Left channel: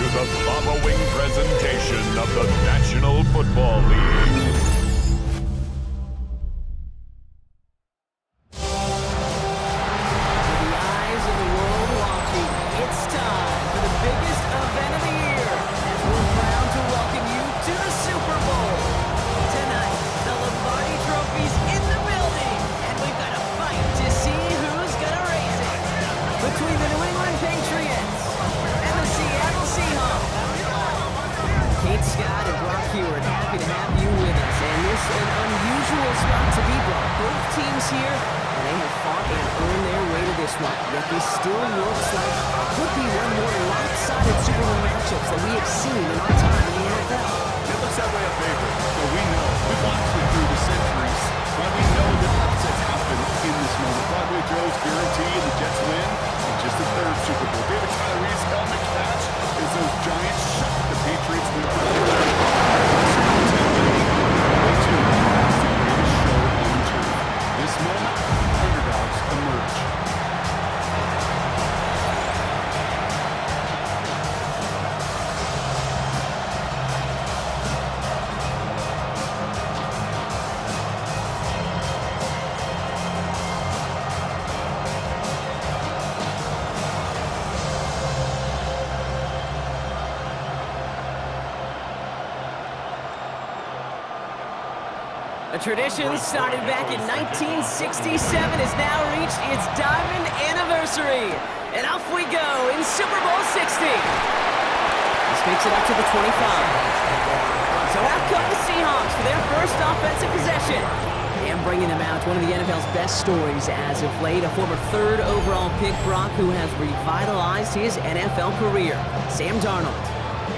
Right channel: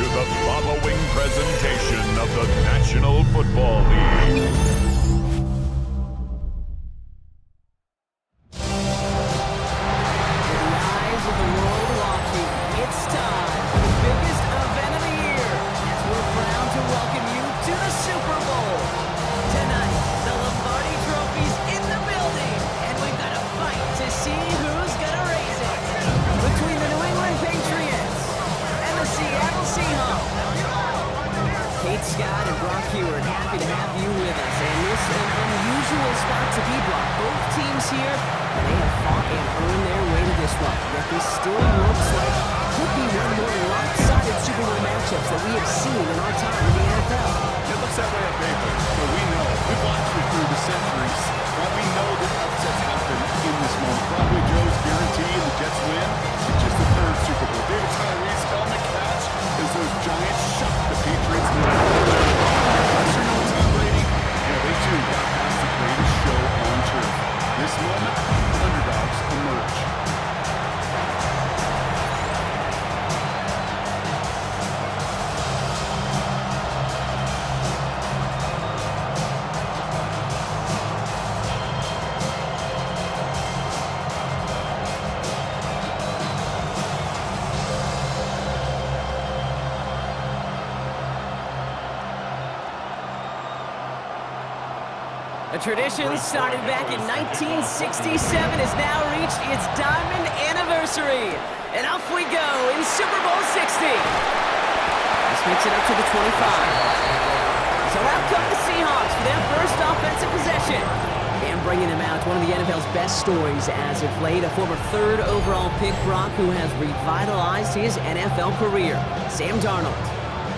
to the following presentation of the National Football League. With the eyes of the world watching, it's time for the biggest event of the year as we're proud to welcome you to the Super Bowl. Tonight, the Lombardi Trophy's in the building, and we've got a fight to see who's gonna raise it. Between the New England Patriots and the Seattle Seahawks. Kate Scott and Brock Hewitt, happy to have you with us. And this is an unusual spot to be, Brock. Both teams here, and they have fought and earned their way to this one. Yet this still looks like could be one of the more lopsided Super Bowl matchups that we have seen in our time in the NFL. It looks that way on paper, but we know. We've watched it through the centuries. Why we know that upsets happen in this moment. Broadway Joe's guarantee and the Jets win in just the third Super Bowl. David Tyree's helmet catch as those Giants shock the Patriots in the Super Bowl 10 rating. And they too bypass the greatest show on turf. This moment, underdogs emerge. A tradition started back in 1967 has now reached its diamond anniversary. And off we go in Super Bowl 60. This makes it up to the 25. So out come the Seahawks for their first offensive possession. And bringing them out, one of the NFL's best stories as of late, a former third overall pick, Brock, who has revitalized his NFL career, Sam Darnold.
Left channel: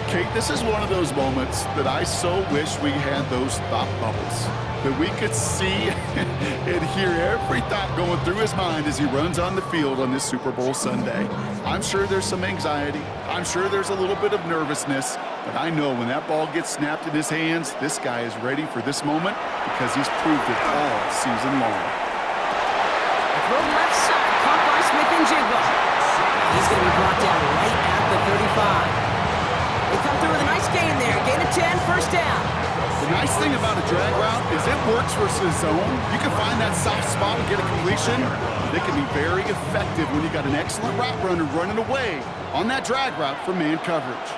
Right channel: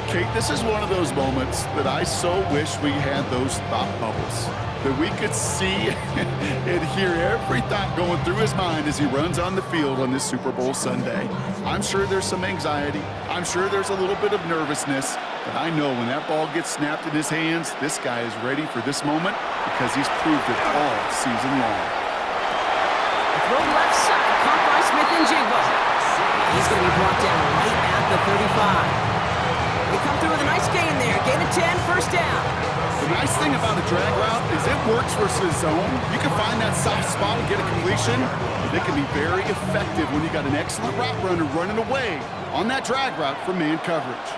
Kate, this is one of those moments that I so wish we had those thought bubbles. That we could see and hear every thought going through his mind as he runs on the field on this Super Bowl Sunday. I'm sure there's some anxiety. I'm sure there's a little bit of nervousness. But I know when that ball gets snapped in his hands, this guy is ready for this moment because he's proved it all season long. A throw left side, caught by Smith and Jigba. He's going to be brought down right at the 35. They come through with a nice gain there. Gain of 10, first down. The nice thing about a drag route is it works versus zone. You can find that soft spot and get a completion. But it can be very effective when you got an excellent route runner running away on that drag route from man coverage.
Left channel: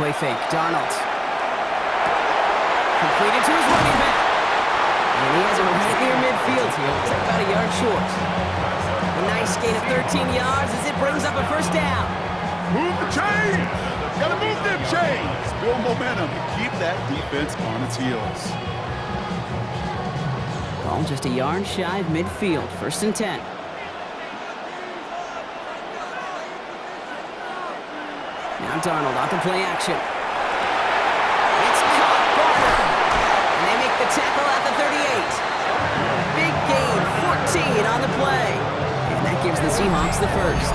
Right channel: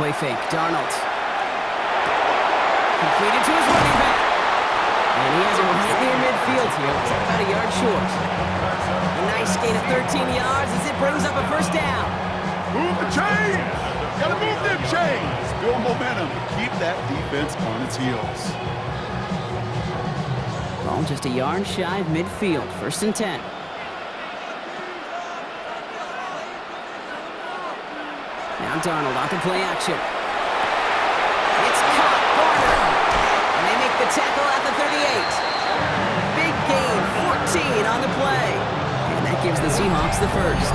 Play fake, Darnold. Completed to his running back. And he has it right near midfield here. Looks like about a yard short. A nice gain of 13 yards as it brings up a first down. Move the chains! Gotta move them chains! Build momentum and keep that defense on its heels. Ball just a yard shy of midfield. First and 10. Now Darnold off the play action. It's caught, Barner. And they make the tackle at the 38. Big gain, 14 on the play. And that gives the Seahawks the first.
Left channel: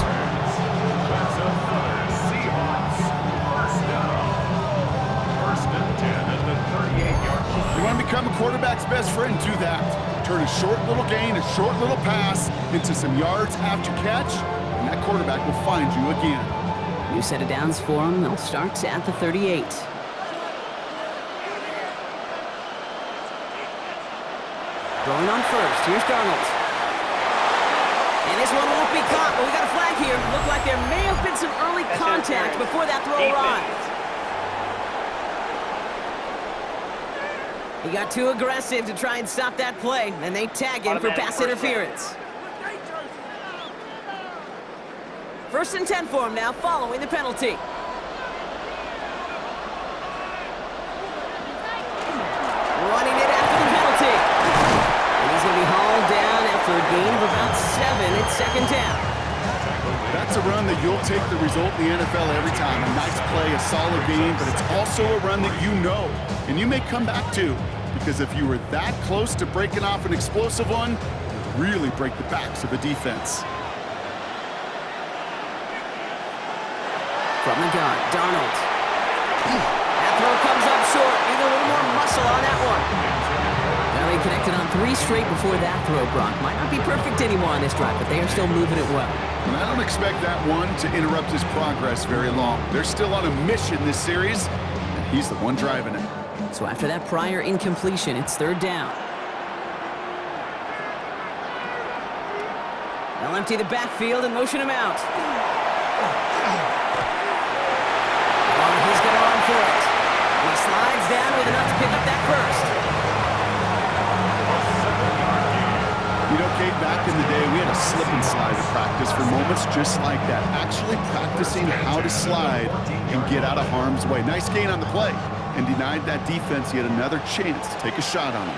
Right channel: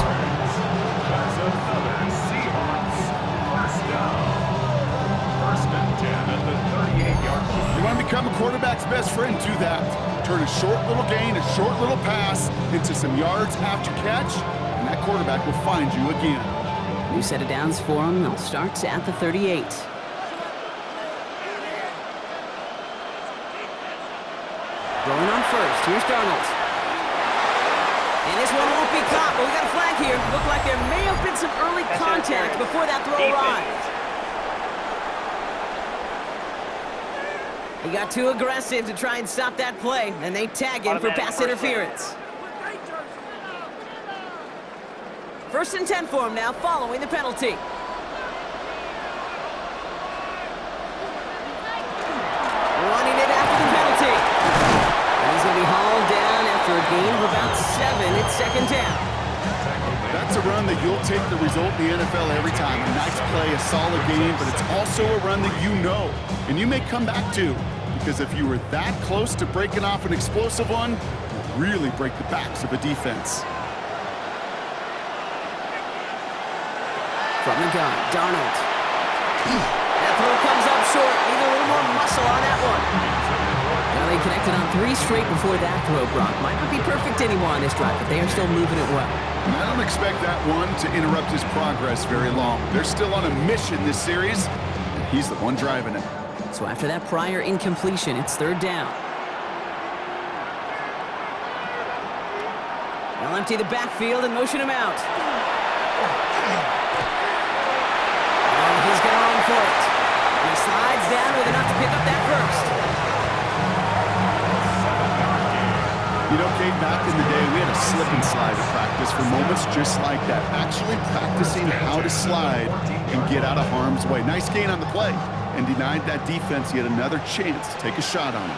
That's another Seahawks first down. First and 10 at the 38-yard line. You want to become a quarterback's best friend? Do that. Turn a short little gain, a short little pass into some yards after catch, and that quarterback will find you again. New set of downs for him. They'll start at the 38. Throwing on first. Here's Darnold. And this one won't be caught, but we got a flag here. Looked like there may have been some early contact before that throw arrived. He got too aggressive to try and stop that play, and they tag him for pass interference. First and 10 for him now, following the penalty. Running it after the penalty. And he's going to be hauled down after a gain of about 7. It's second down. That's a run that you'll take the result in the NFL every time. A nice play, a solid game, but it's also a run that you know, and you may come back to, because if you were that close to breaking off an explosive one, you really break the backs of a defense. From the gun, Darnold. That throw comes up short. Need a little more muscle on that one. Now Well, he connected on 3 straight before that throw, Brock. Might not be perfect anymore on this drive, but they are still moving it well. And I don't expect that one to interrupt his progress very long. They're still on a mission this series, and he's the one driving it. So after that prior incompletion, it's 3rd down. They'll empty the backfield and motion him out. Oh, he's going to run for it. And he slides down with enough to pick up that first. You know, Kate, back in the day, we had a slip and slide at practice for moments just like that. Actually practicing how to slide and get out of harm's way. Nice gain on the play, and denied that defense yet another chance to take a shot on him.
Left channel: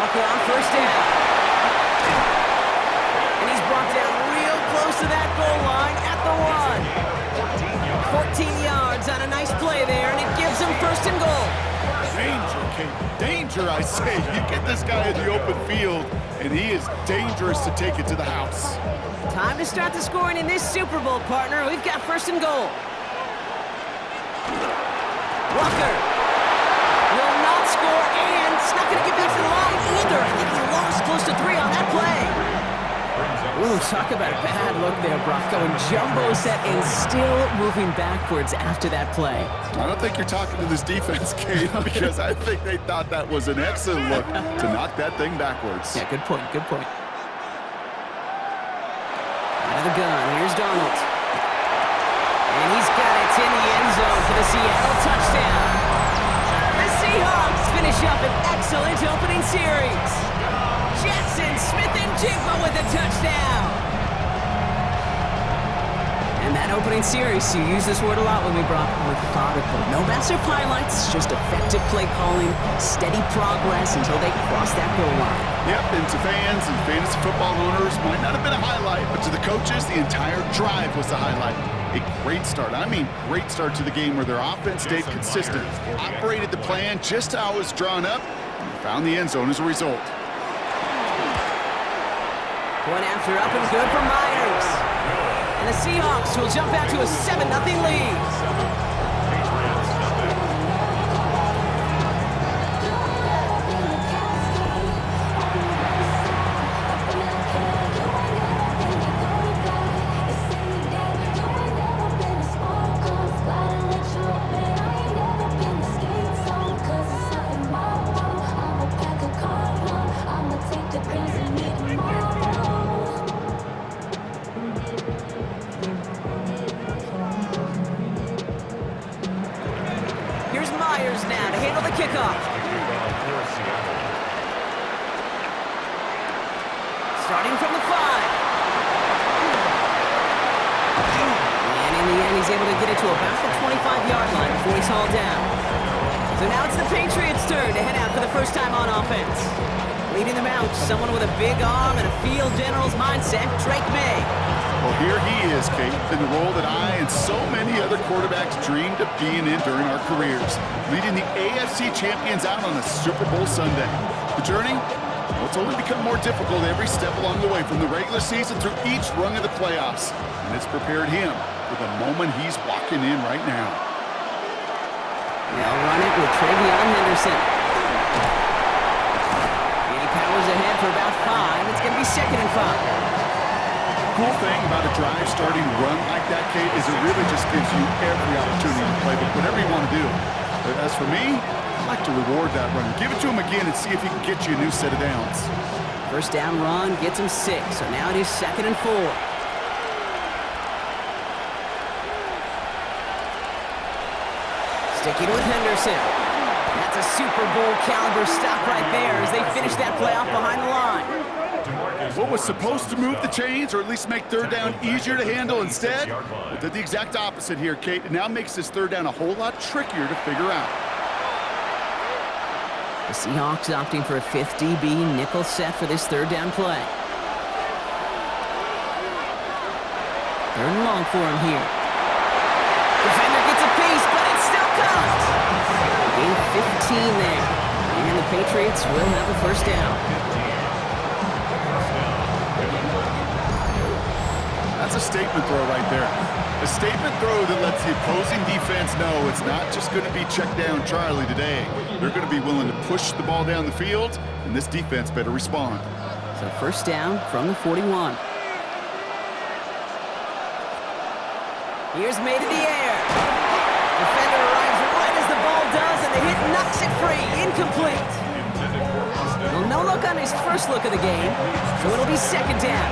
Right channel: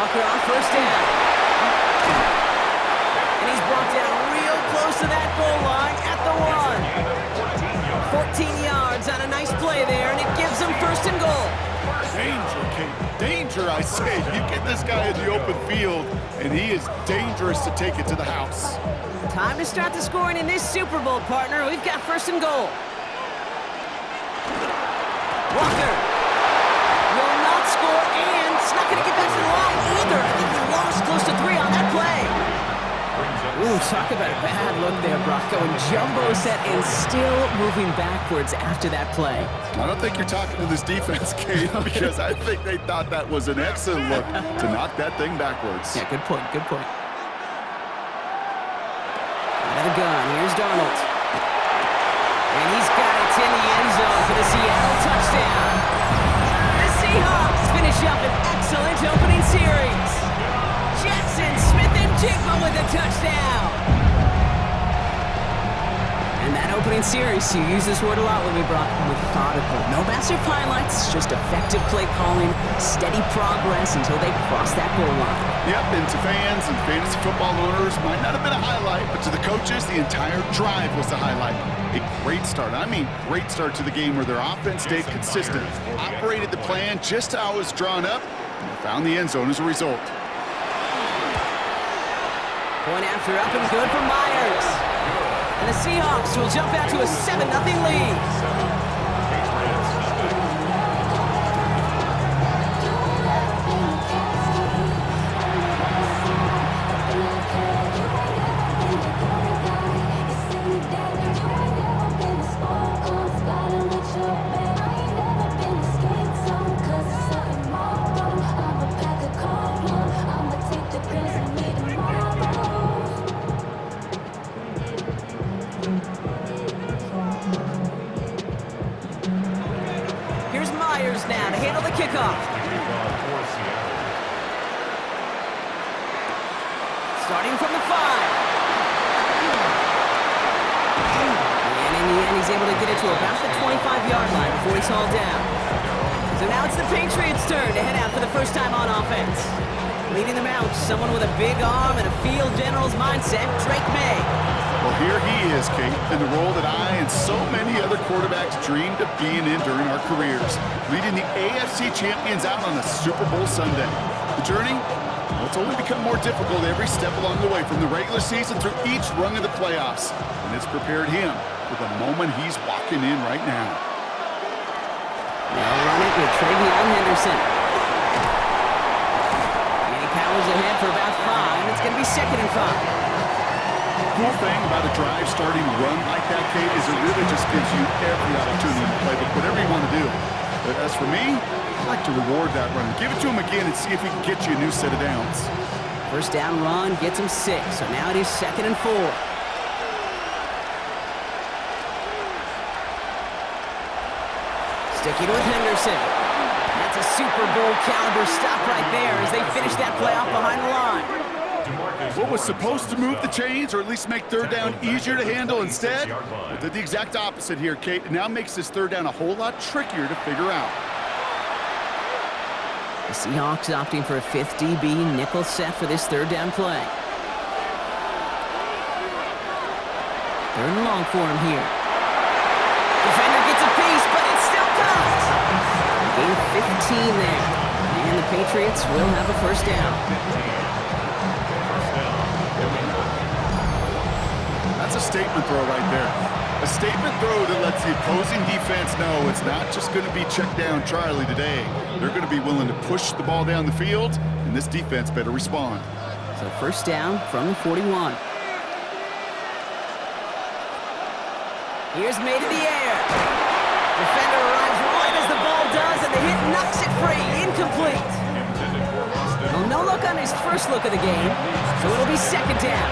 Walker on 1st down. And he's brought down real close to that goal line at the 1. 14 yards on a nice play there, and it gives him 1st and goal. Danger, Kate. Danger, I say. You get this guy in the open field, and he is dangerous to take it to the house. Time to start the scoring in this Super Bowl, partner. We've got 1st and goal. Walker will not score, and it's not going to get back to the line either. I think he lost close to 3 on that play. Ooh, talk about a bad look there, Brock. Going jumbo set and still moving backwards after that play. I don't think you're talking to this defense, Kate, because I think they thought that was an excellent look to knock that thing backwards. Yeah, good point, good point. Out of the gun, here's Darnold. And he's got it in the end zone for the Seattle touchdown. The Seahawks finish up an excellent opening series. Jackson Smith-Njigba with a touchdown. And that opening series, you use this word a lot with me, Brock, methodical. No massive highlights, just effective play calling, steady progress until they cross that goal line. Yep, and to fans and fantasy football owners, might not have been a highlight, but to the coaches, the entire drive was the highlight. A great start. I mean, great start to the game where their offense stayed consistent, operated the plan just how it was drawn up, and found the end zone as a result. Point after up and good for Myers. And the Seahawks will jump out to a 7-0 lead. Patriots, nothing. Here's Myers now to handle the kickoff. For Seattle. Starting from the 5. And in the end, he's able to get it to about the 25-yard line before he's hauled down. So now it's the Patriots' turn to head out for the first time on offense. Leading them out, someone with a big arm and a field general's mindset, Drake May. Well, here he is, Kate, in the role that I and so many other quarterbacks dreamed of being in during our careers, leading the AFC champions out on a Super Bowl Sunday. The journey? Well, it's only become more difficult every step along the way, from the regular season through each rung of the playoffs, and it's prepared him for the moment he's walking in right now. They'll run it with Travion Henderson. And he powers ahead for about 5. It's going to be 2nd and 5. Cool thing about a drive starting run like that, Kate, is it really just gives you every opportunity to play with whatever you want to do. But as for me, I like to reward that runner. Give it to him again and see if he can get you a new set of downs. First down run gets him 6, so now it is 2nd and 4. Sticking with Henderson. That's a Super Bowl caliber stop right there as they finish that play off behind the line. What was supposed to move the chains, or at least make 3rd down easier to handle instead, well, did the exact opposite here, Kate. It now makes this 3rd down a whole lot trickier to figure out. The Seahawks opting for a 5th DB nickel set for this 3rd down play. 3rd and long for him here. Defender gets a piece, but it's still caught. Gain 15 there. And the Patriots will have a 1st down. That's a statement throw right there. A statement throw that lets the opposing defense know it's not just going to be check down Charlie today. They're going to be willing to push the ball down the field, and this defense better respond. So first down from the 41. Here's made in the air. Defender arrives right as the ball does, and the hit knocks it free. Incomplete. Well, no look on his first look of the game, so it'll be second down.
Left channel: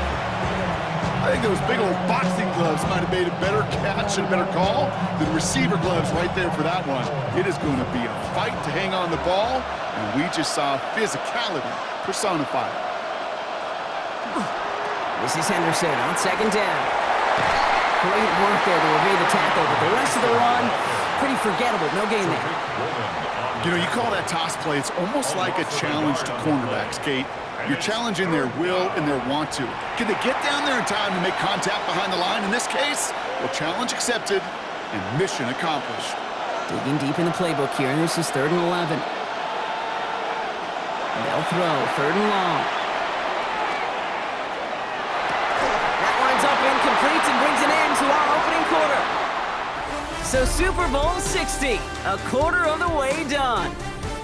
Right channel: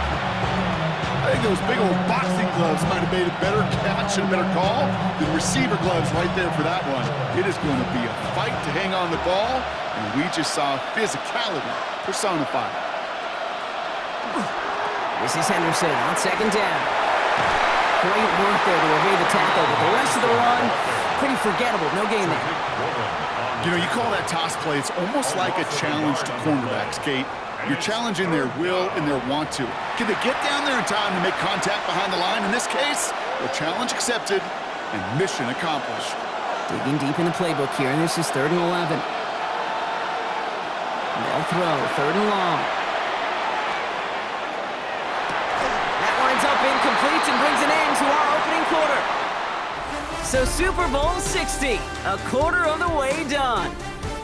I think those big old boxing gloves might have made a better catch and a better call than receiver gloves right there for that one. It is going to be a fight to hang on the ball, and we just saw physicality personified. This is Henderson on second down. Great work there to evade the tackle, but the rest of the run, pretty forgettable. No gain there. You know, you call that toss play, it's almost like a challenge to cornerbacks, Kate. You're challenging their will and their want to. Can they get down there in time to make contact behind the line? In this case, well, challenge accepted and mission accomplished. Digging deep in the playbook here, and this is 3rd and 11. They'll throw, 3rd and long. That winds up incomplete and brings an end to our opening quarter. So Super Bowl 60, a quarter of the way done.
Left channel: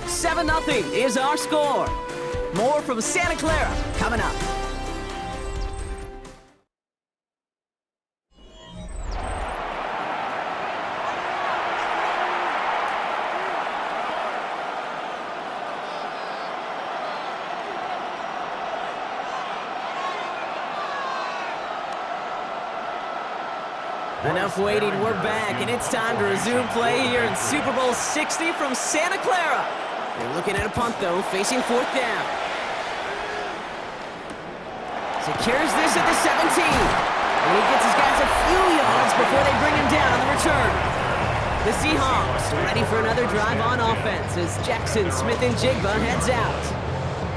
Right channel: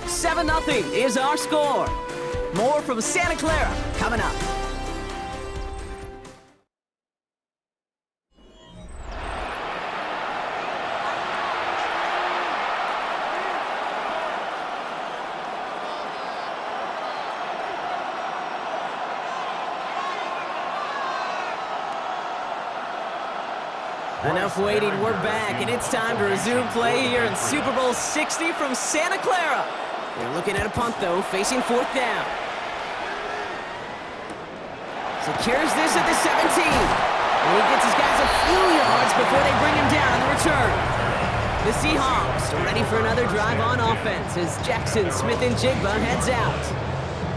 7-0 is our score. More from Santa Clara coming up. Enough waiting, we're back, and it's time to resume play here in Super Bowl 60 from Santa Clara. They're looking at a punt, though, facing 4th down. Secures this at the 17. And he gets his guys a few yards before they bring him down on the return. The Seahawks are ready for another drive on offense as Jackson, Smith, and Jigba heads out.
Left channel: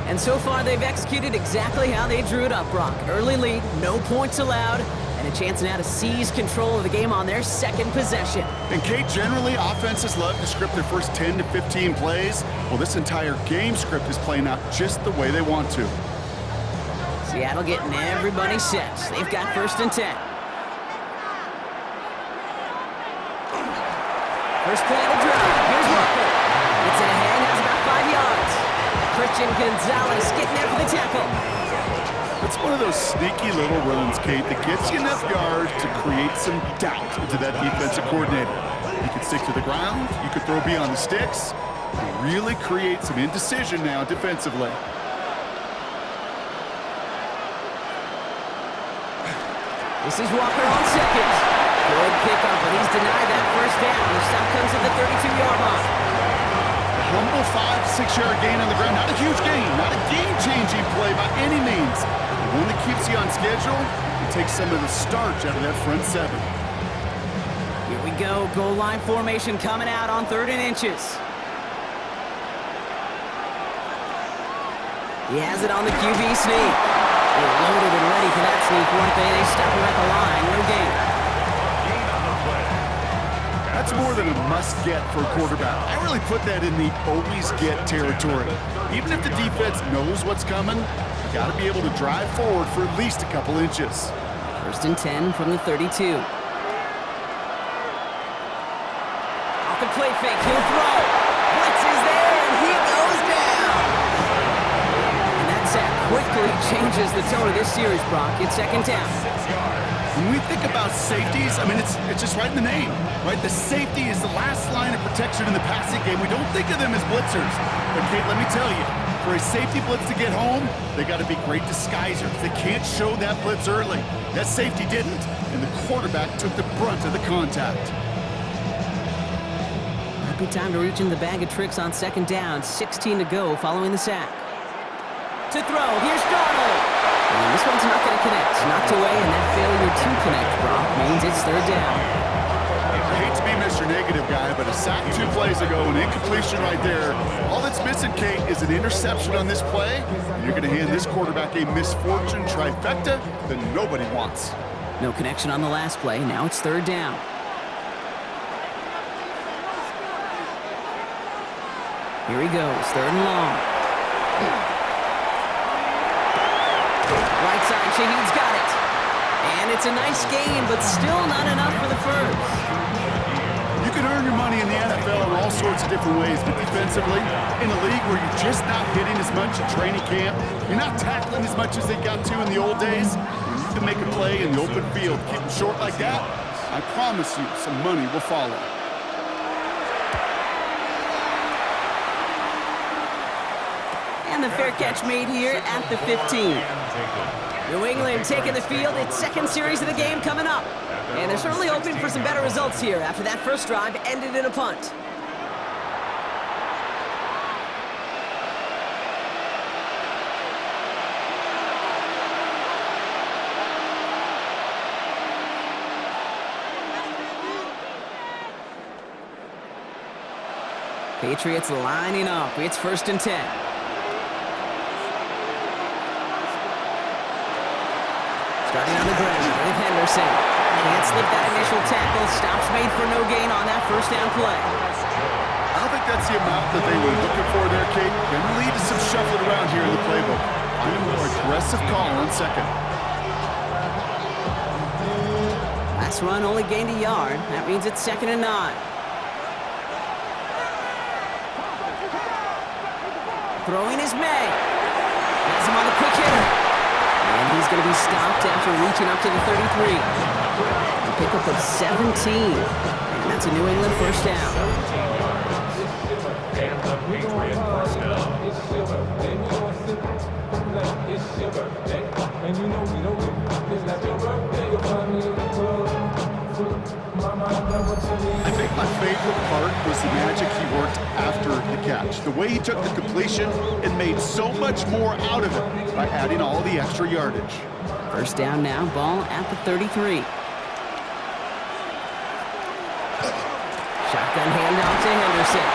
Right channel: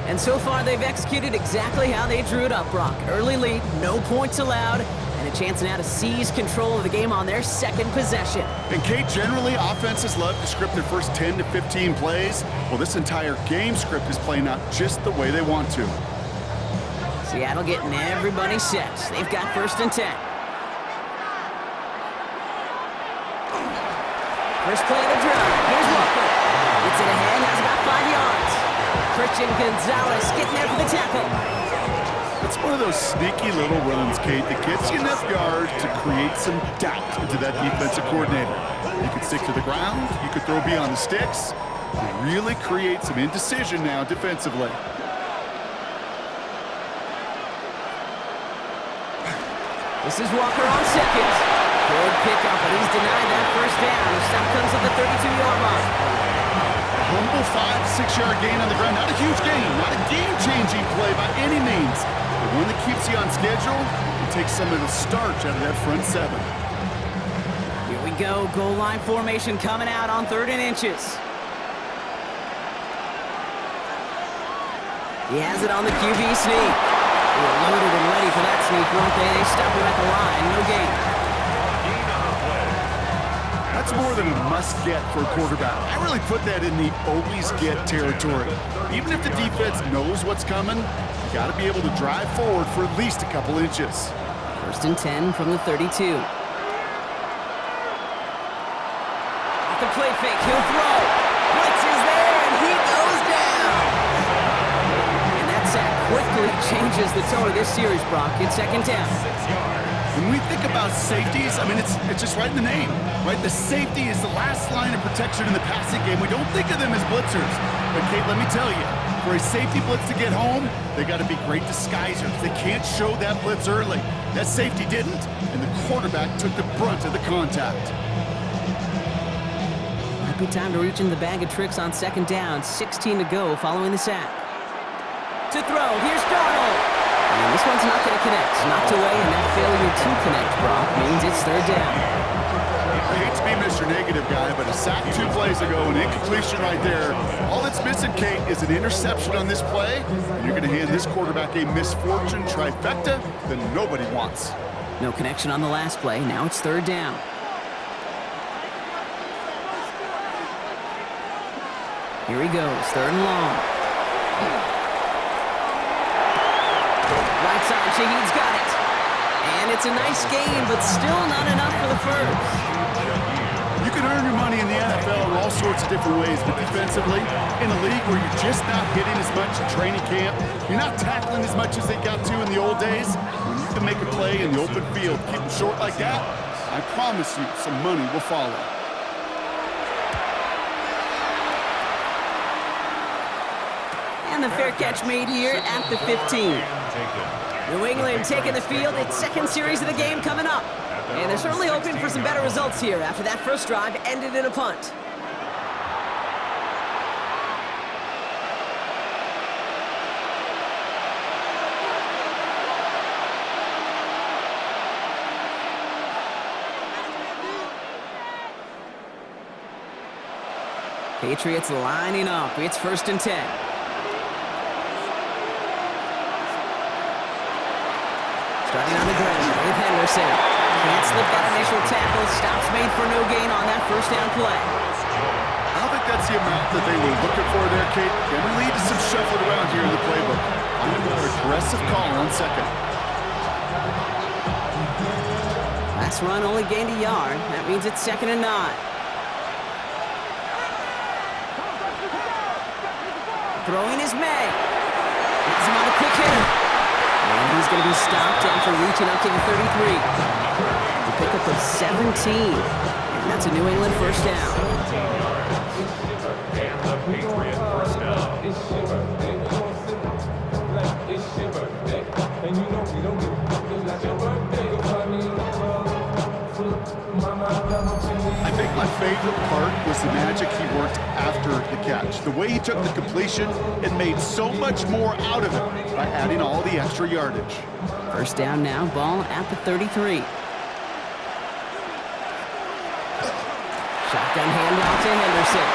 And so far, they've executed exactly how they drew it up, Brock. Early lead, no points allowed, and a chance now to seize control of the game on their second possession. And Kate, generally, offenses love to script their first 10 to 15 plays. Well, this entire game script is playing out just the way they want to. Seattle getting everybody set. They've got 1st and 10. First play of the drive. Here's Walker. Gets it ahead, has about 5 yards. Christian Gonzalez getting there for the tackle. It's one of those sneaky little runs, Kate, that gets you enough yards to create some doubt into that defensive coordinator. You could stick to the ground, you could throw beyond the sticks, really create some indecision now defensively. This is Walker on second. Good pickup, but he's denied that first down. The stop comes at the 32-yard line. A humble 5 to 6 yard gain on the ground. Not a huge gain, not a game-changing play by any means. The one that keeps you on schedule and takes some of the starch out of that front 7. Here we go. Goal line formation coming out on 3rd and inches. He has it on the QB sneak. They were loaded and ready for that sneak, weren't they? They stop him at the line. No gain. Gain on the play. That's more than a must-get for a quarterback. I really put that in the always-get territory. Even if the defense knows what's coming, you got to be able to drive forward for at least a couple inches. 1st and 10 from the 32. Off the play fake, he'll throw. Blitz is there, and he goes down. And that sack quickly changes the tone of this series, Brock. It's 2nd down. 6 yards. When we think about safeties, I mean, it's just right in the name, right? The safety is the last line of protection in the passing game. We don't think of them as blitzers. But, Kate, let me tell you, for a safety blitz to get home, they got to be great disguisers. They can't show that blitz early. That safety didn't, and the quarterback took the brunt of the contact. Might be time to reach in the bag of tricks on 2nd down. 16 to go following the sack. To throw, here's Darnold. And this one's not going to connect. Knocked away, and that failure to connect, Brock, means it's 3rd down. I hate to be Mr. Negative guy, but a sack 2 plays ago, an incompletion right there. All that's missing, Kate, is an interception on this play, and you're going to hand this quarterback a misfortune trifecta that nobody wants. No connection on the last play. Now it's 3rd down. Here he goes, 3rd and long. Right side, Shaheed's got it. And it's a nice game, but still not enough for the first. You can earn your money in the NFL in all sorts of different ways, but defensively, in a league where you're just not hitting as much in training camp, you're not tackling as much as they got to in the old days, when you can make a play in the open field, keep them short like that, I promise you some money will follow. And the fair catch made here at the 15. New England taking the field. Its second series of the game coming up. And they're certainly hoping for some better results here after that first drive ended in a punt. Patriots lining up. It's 1st and 10. Starting on the ground with Henderson. Can't slip that initial tackle. Stops made for no gain on that first down play. I don't think that's the amount that they were looking for there, Kate. Can lead to some shuffling around here in the playbook. Find a more aggressive call on second. Last run only gained a yard. That means it's 2nd and 9. Throwing is May. Has him on the quick hitter. And he's going to be stopped after reaching up to the 33. The pickup of 17. And that's a New England first down. 17 yards. And the Patriot first down. I think my favorite part was the magic he worked after the catch. The way he took the completion and made so much more out of it by adding all the extra yardage. First down now, ball at the 33. Shotgun handoff to Henderson.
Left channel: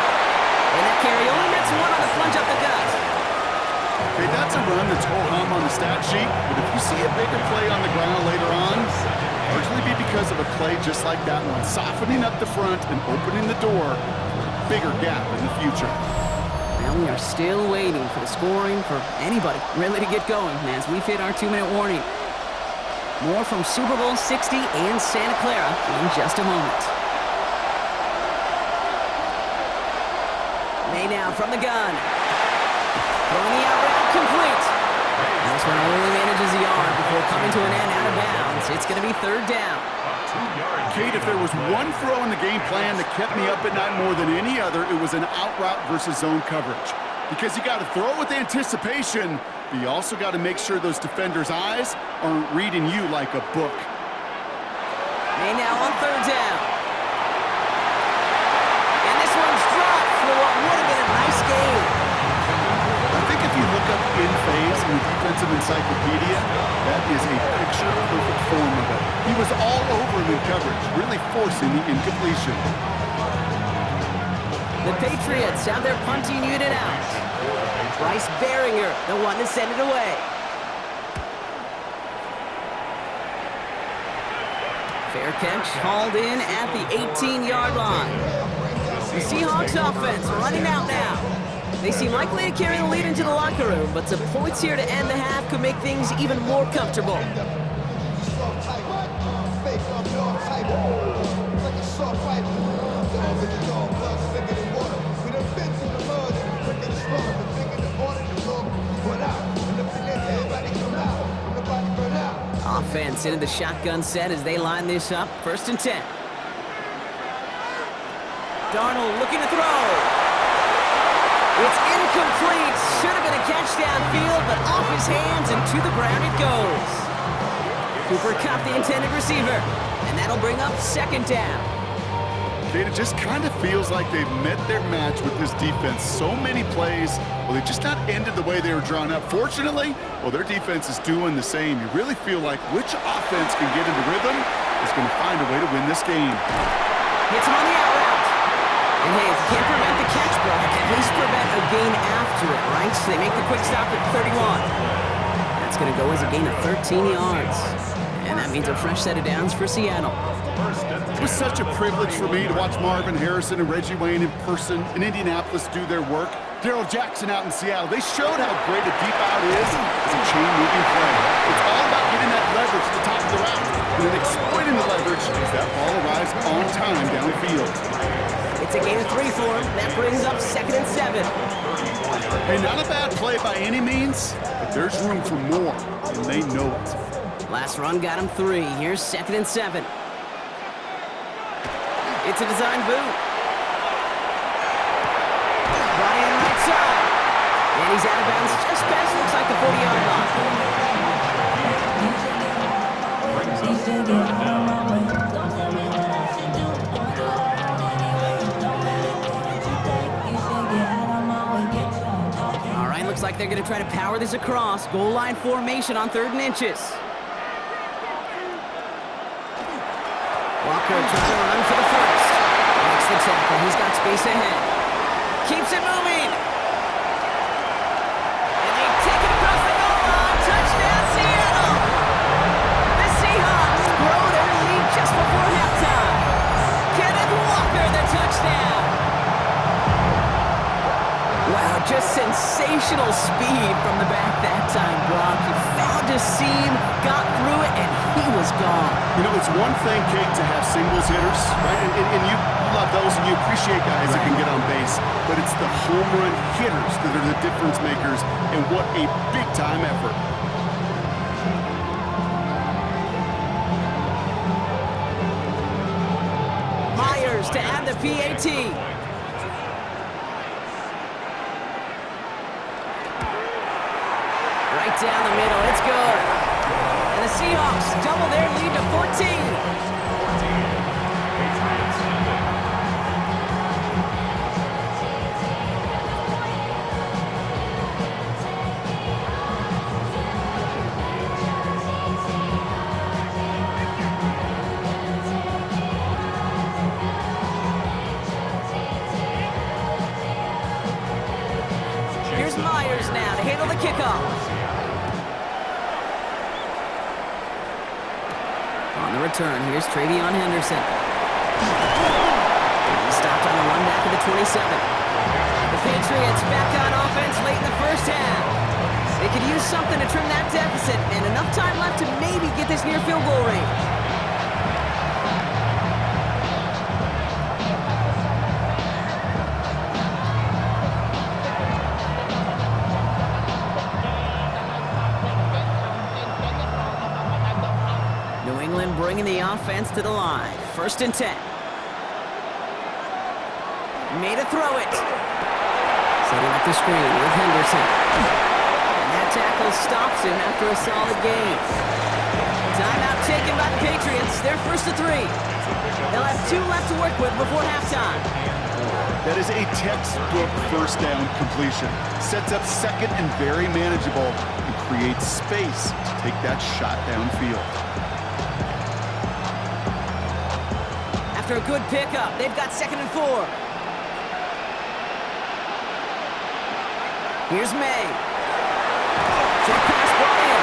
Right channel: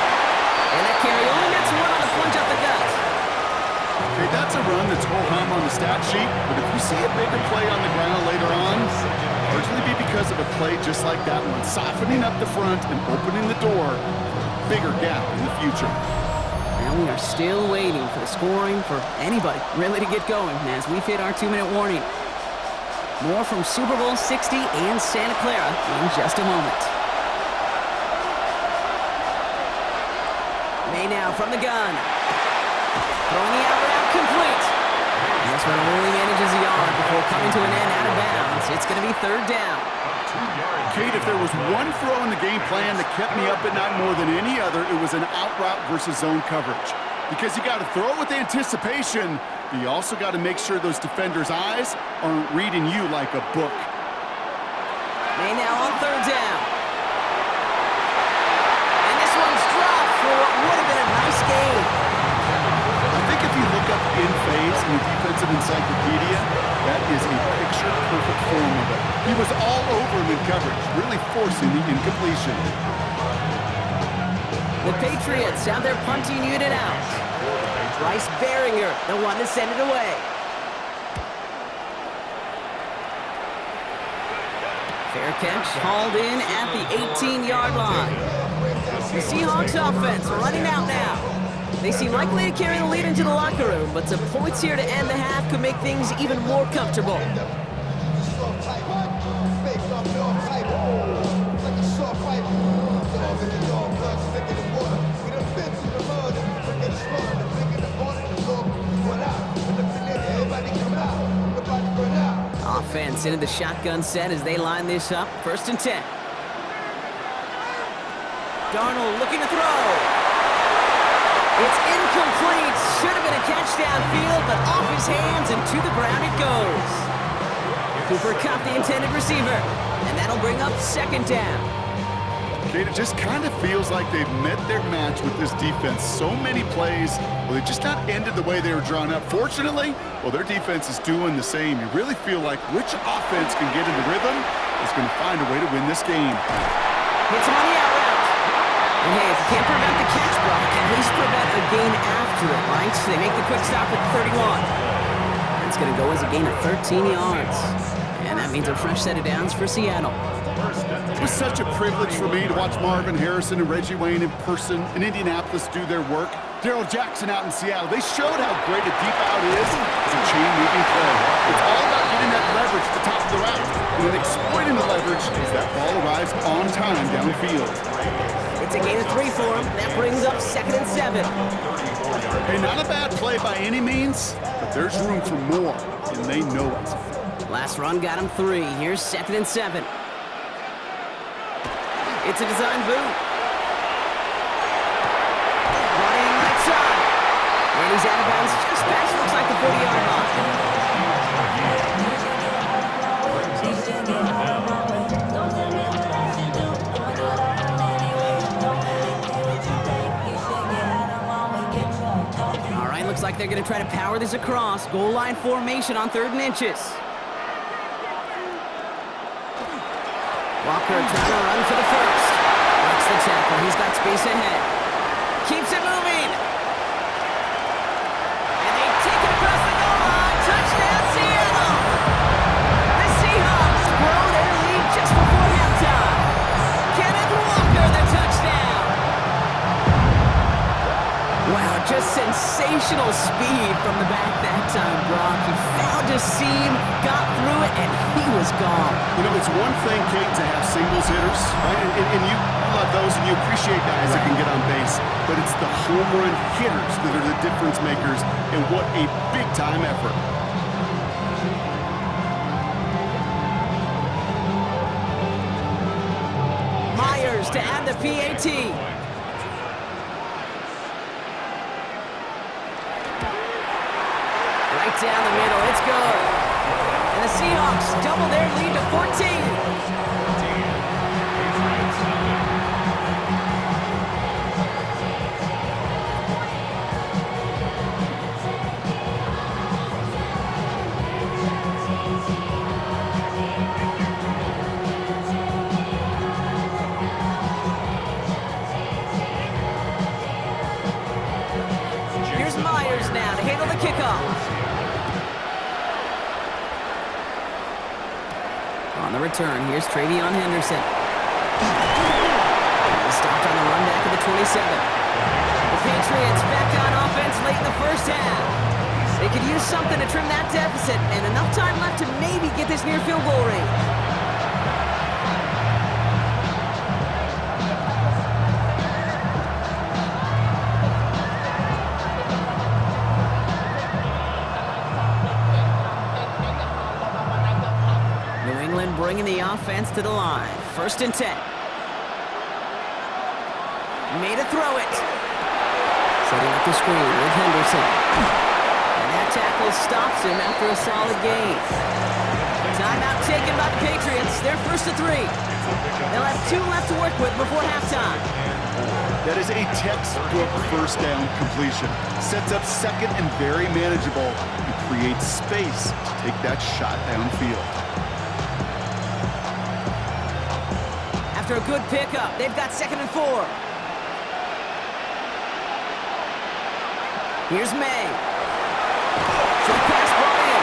And that carry only gets one on the plunge up the gut. Okay, that's a run that's ho-hum on the stat sheet, but if you see a bigger play on the ground later on, largely be because of a play just like that one, softening up the front and opening the door for a bigger gap in the future. Now we are still waiting for the scoring for anybody really to get going as we've hit our 2-minute warning. More from Super Bowl 60 and Santa Clara in just a moment. May now from the gun. Throwing the out route complete. And this one only manages a yard before coming to an end out of bounds. It's going to be 3rd down. Kate, if there was one throw in the game plan that kept me up at night more than any other, it was an out route versus zone coverage. Because you got to throw with anticipation, but you also got to make sure those defenders' eyes aren't reading you like a book. May now on 3rd down. And this one's dropped for what would have been a nice game. I think if you look up in phase in the defensive encyclopedia, that is a picture-perfect form of it. He was all over him in coverage, really forcing the incompletion. The Patriots have their punting unit out. Bryce Behringer, the one to send it away. Fair catch hauled in at the 18-yard line. The Seahawks offense running out now. They seem likely to carry the lead into the locker room, but some points here to end the half could make things even more comfortable. Offense into the shotgun set as they line this up. 1st and 10. Darnold looking to throw. It's incomplete. Should have been a catch downfield, but off his hands and to the ground it goes. Cooper Kupp, the intended receiver, and that'll bring up 2nd down. Kate, it just kind of feels like they've met their match with this defense. So many plays, well, they just not ended the way they were drawn up. Fortunately, well, their defense is doing the same. You really feel like which offense can get into rhythm is going to find a way to win this game. Hits him on the out route. And hey, if you can't prevent the catch, Brock, at least prevent a gain after it, right? So they make the quick stop at 31. That's going to go as a gain of 13 yards. And that means a fresh set of downs for Seattle. It was such a privilege for me to watch Marvin Harrison and Reggie Wayne in person in Indianapolis do their work. Darryl Jackson out in Seattle, they showed how great a deep out is as a chain-moving play. It's all about getting that leverage at the top of the route and then exploiting the leverage as that ball arrives on time downfield. It's a gain of 3 for him. That brings up 2nd and 7. Hey, not a bad play by any means, but there's room for more, and they know it. Last run got him 3. Here's 2nd and 7. It's a design boot. Brought in right side. And he's out of bounds just past, looks like the 40-yard line. All right, looks like they're going to try to power this across. Goal line formation on 3rd and inches. Walker trying to run for the first. Breaks the tackle. He's got space ahead. Keeps it moving. And they take it across the goal line. Touchdown, Seattle. The Seahawks grow their lead just before halftime. Kenneth Walker, the touchdown. Wow, just sensational speed from the back that time, Brock. He found a seam, got through it, and he was gone. You know, it's one thing, Kate, to have singles hitters, right? And you love those and you appreciate guys that can get on base. But it's the home run hitters that are the difference makers, and what a big-time effort. Myers to add the PAT. Right down the middle, it's good. And the Seahawks double their lead to 14. 14. Patriots nothing. Here's Myers now to handle the kickoff. On the return, here's Travion Henderson. He's stopped on the run back of the 27. The Patriots back on offense late in the first half. They could use something to trim that deficit, and enough time left to maybe get this near field goal range. New England bringing the offense to the line. 1st and 10. Made a throw it. Setting up the screen with Henderson. And that tackle stops him after a solid gain. Timeout taken by the Patriots. They're 1st and 3. They'll have 2 left to work with before halftime. That is a textbook first down completion. Sets up 2nd and very manageable and creates space to take that shot downfield. After a good pickup, they've got 2nd and 4. Here's May. Short pass brought in.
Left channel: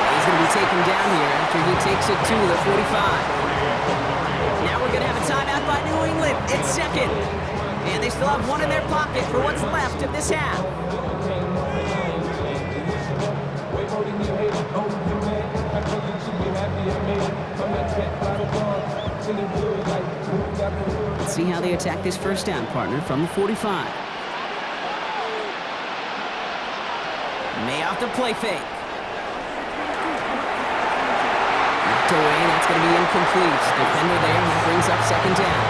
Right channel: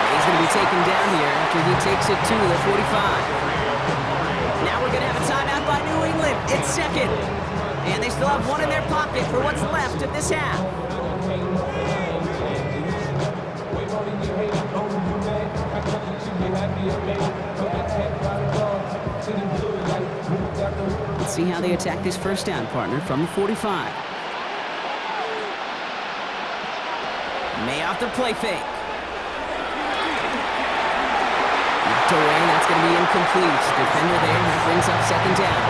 And he's going to be taken down here after he takes it to the 45. Now we're going to have a timeout by New England. It's 2nd. And they still have 1 in their pocket for what's left of this half. Let's see how they attack this first down, partner, from the 45. May off the play fake. Knocked away, that's going to be incomplete. Defender there, that brings up 2nd down.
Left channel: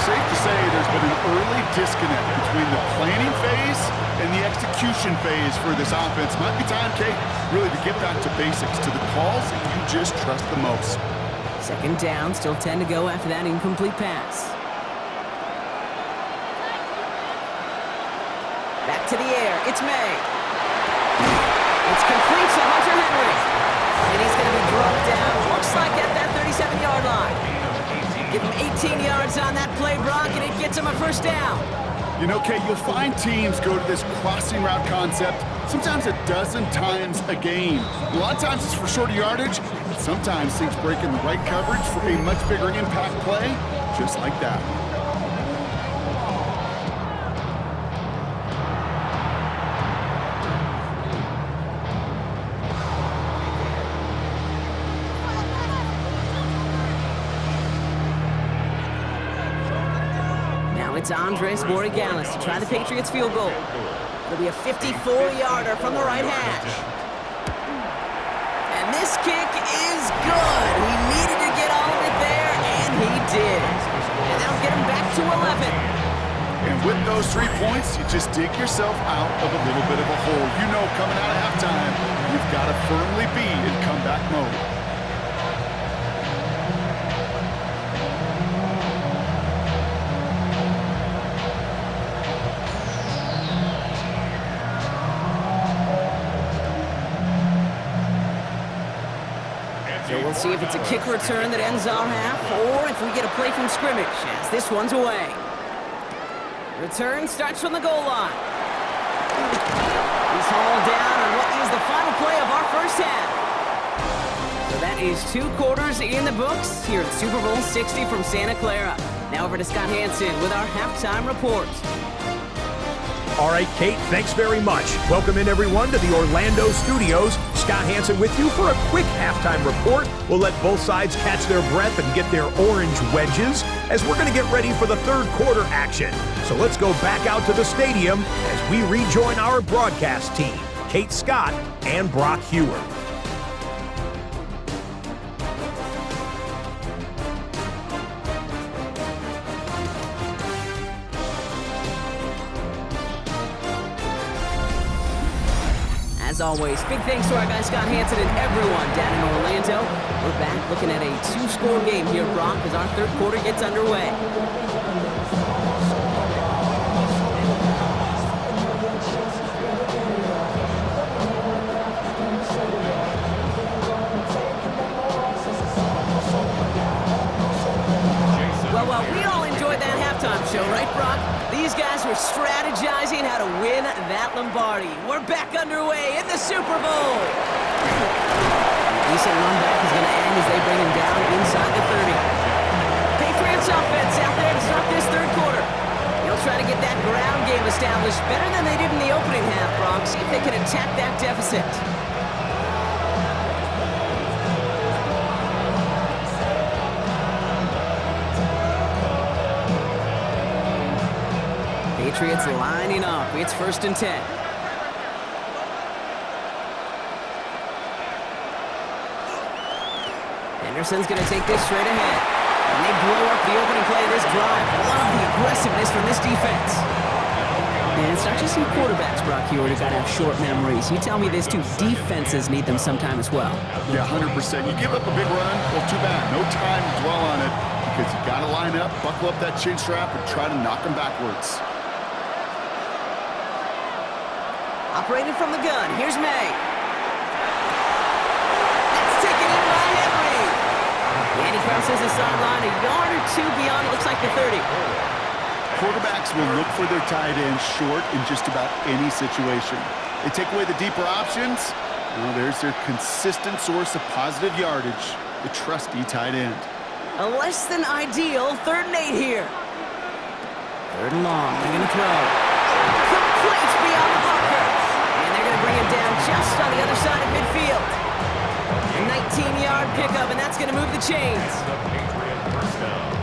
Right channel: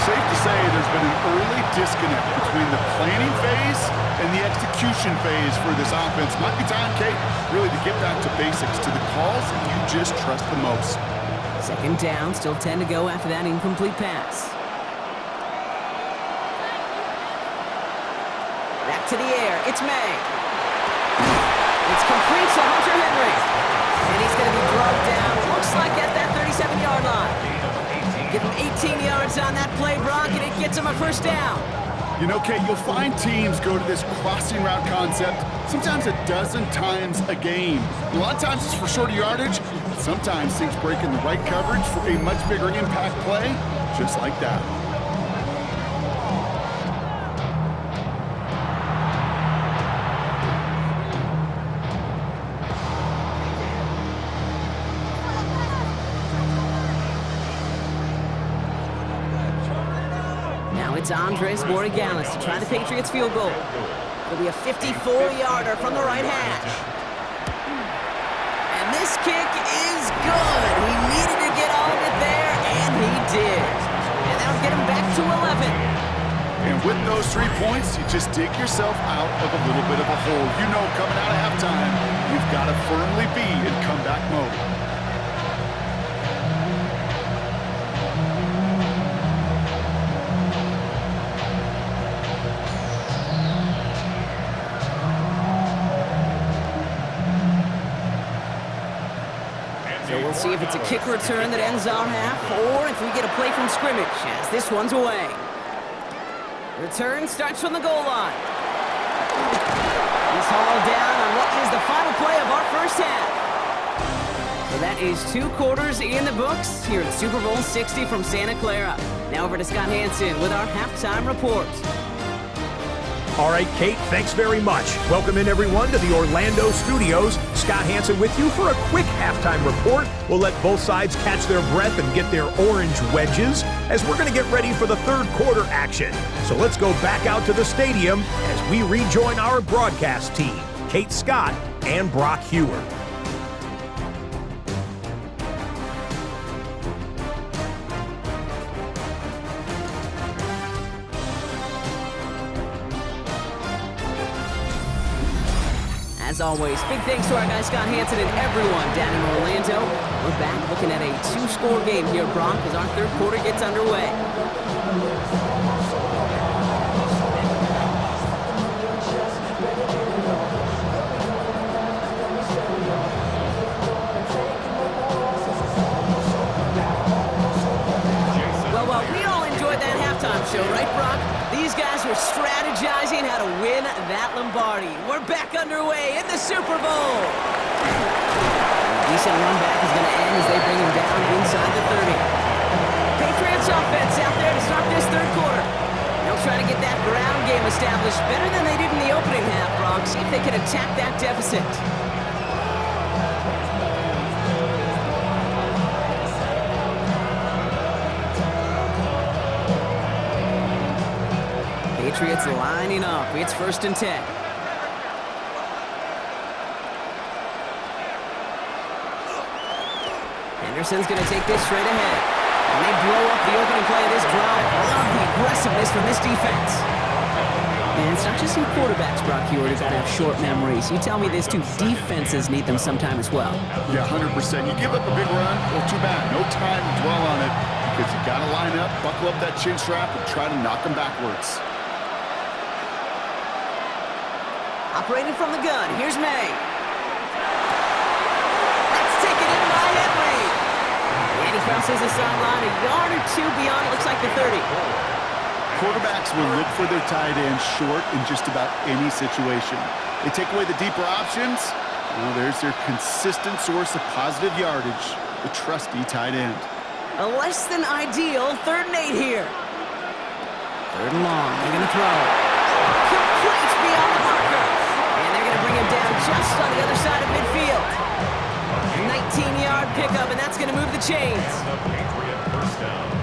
Safe to say there's been an early disconnect between the planning phase and the execution phase for this offense. Might be time, Kate, really to get back to basics, to the calls that you just trust the most. 2nd down, still 10 to go after that incomplete pass. Back to the air, it's May. It's complete to Hunter Henry. And he's going to be drugged down, looks like at that 37-yard line. Give him 18 yards on that play, Brock, and it gets him a 1st down. You know, Kate, you'll find teams go to this crossing route concept sometimes a dozen times a game. A lot of times it's for shorter yardage, but sometimes things break in the right coverage for a much bigger impact play, just like that. it's Andres Borregales to try the Patriots field goal. It'll be a 54-yarder from the right hash. And this kick is good. He needed to get all of it there, and he did. And that'll get him back to 11. And with those 3 points, you just dig yourself out of a little bit of a hole. You know, coming out of halftime, you've got to firmly be in comeback mode. So we'll see if it's a kick return that ends our half, or if we get a play from scrimmage, as this one's away. Return starts from the goal line. He's hauled down on what is the final play of our first half. So that is 2 quarters in the books here at Super Bowl 60 from Santa Clara. Now over to Scott Hansen with our halftime report. All right, Kate, thanks very much. Welcome in, everyone, to the Orlando studios. Scott Hansen with you for a quick halftime report. We'll let both sides catch their breath and get their orange wedges as we're going to get ready for the third quarter action. So let's go back out to the stadium as we rejoin our broadcast team, Kate Scott and Brock Hewer. As always, big thanks to our guy Scott Hansen and everyone down in Orlando. We're back looking at a 2-score game here, Brock, as our third quarter gets underway. Well, we all enjoyed that halftime show, right, Brock? These guys were strategizing how to win that Lombardi. We're back underway in the Super Bowl. A decent run back is going to end as they bring him down inside the 30. Patriots offense out there to start this third quarter. They'll try to get that ground game established better than they did in the opening half, Brock. See if they can attack that deficit. Patriots lining up. It's 1st and 10. Henderson's going to take this straight ahead. And they blow up the opening play of this drive. Love the aggressiveness from this defense. And it's not just some quarterbacks, Brock Hewer, who got to have short memories. You tell me this too, defenses need them sometime as well. Yeah, 100%. You give up a big run, well, too bad. No time to dwell on it because you got to line up, buckle up that chin strap, and try to knock them backwards. Operating from the gun, here's May. That's taken in by Henry. And he crosses the sideline a yard or 2 beyond, it looks like the 30. Quarterbacks will look for their tight end short in just about any situation. They take away the deeper options. Well, there's their consistent source of positive yardage, the trusty tight end. A less than ideal 3rd and 8 here. 3rd and long, they're going to throw. Complete beyond the marker. And they're going to bring him down just on the other side of midfield. A 19-yard pickup, and that's going to move the chains. The Patriot first down.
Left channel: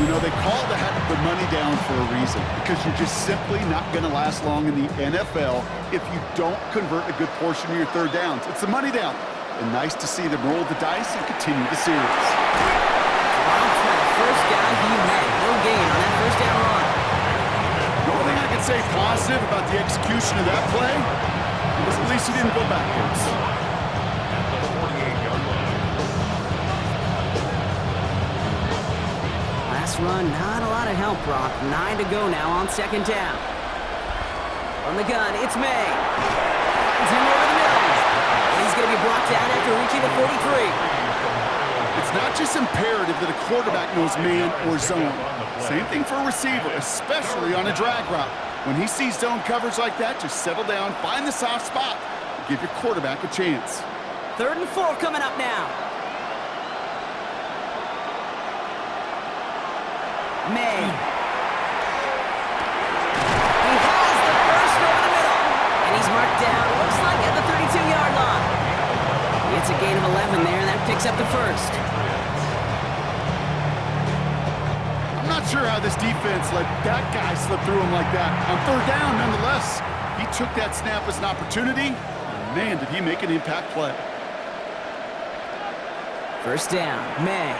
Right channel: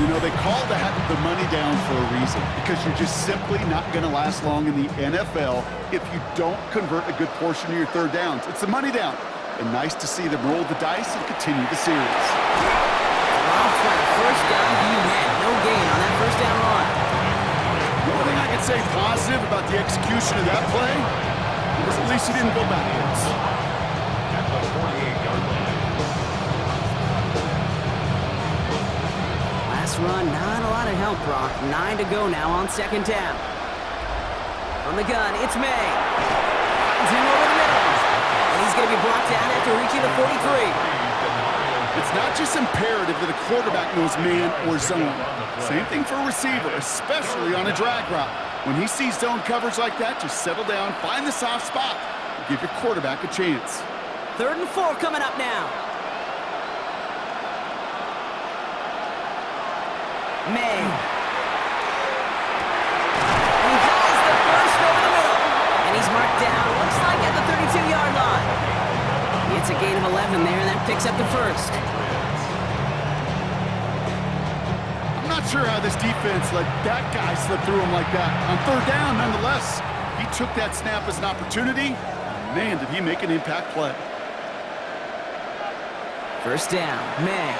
You know, they call that the money down for a reason, because you're just simply not going to last long in the NFL if you don't convert a good portion of your 3rd downs. It's the money down. And nice to see them roll the dice and continue the series. Dropped by the first guy he met. No gain on that 1st down run. The only thing I can say positive about the execution of that play was at least he didn't go backwards. At the 48-yard line. Last run, not a lot of help, Brock. 9 to go now on 2nd down. From the gun, it's May. Finds him over the middle. And he's going to be brought down after reaching the 43. It's not just imperative that a quarterback knows man or zone. Same thing for a receiver, especially on a drag route. When he sees zone coverage like that, just settle down, find the soft spot, and give your quarterback a chance. 3rd and 4 coming up now. May. He has the first over the middle. And he's marked down, looks like at the 32-yard line. It's a gain of 11 there, and that picks up the first. I'm not sure how this defense let that guy slip through him like that. On third down, nonetheless, he took that snap as an opportunity. And man, did he make an impact play. First down, May.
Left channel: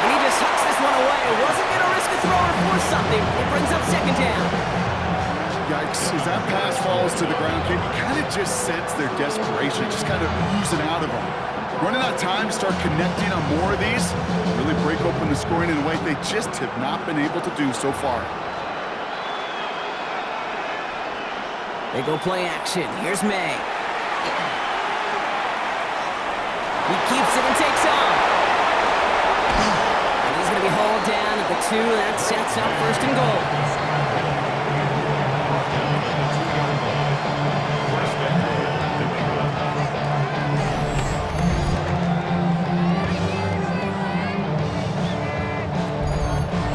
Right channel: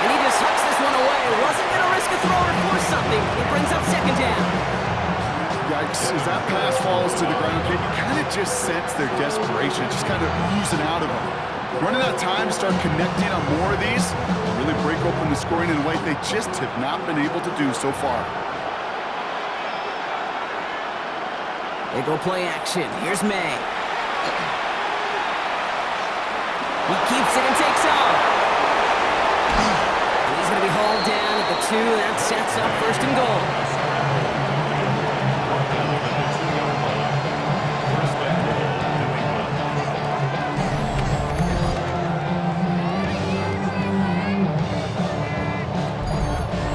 And he just hucks this one away. Wasn't going to risk a throw or force something. It brings up second down. Yikes, as that pass falls to the ground, kid, you kind of just sense their desperation, just kind of oozing out of them. Running out of time to start connecting on more of these, really break open the scoring in a way they just have not been able to do so far. They go play action. Here's May. He keeps it and takes off. And he's going to be hauled down at the 2. That sets up first and goal.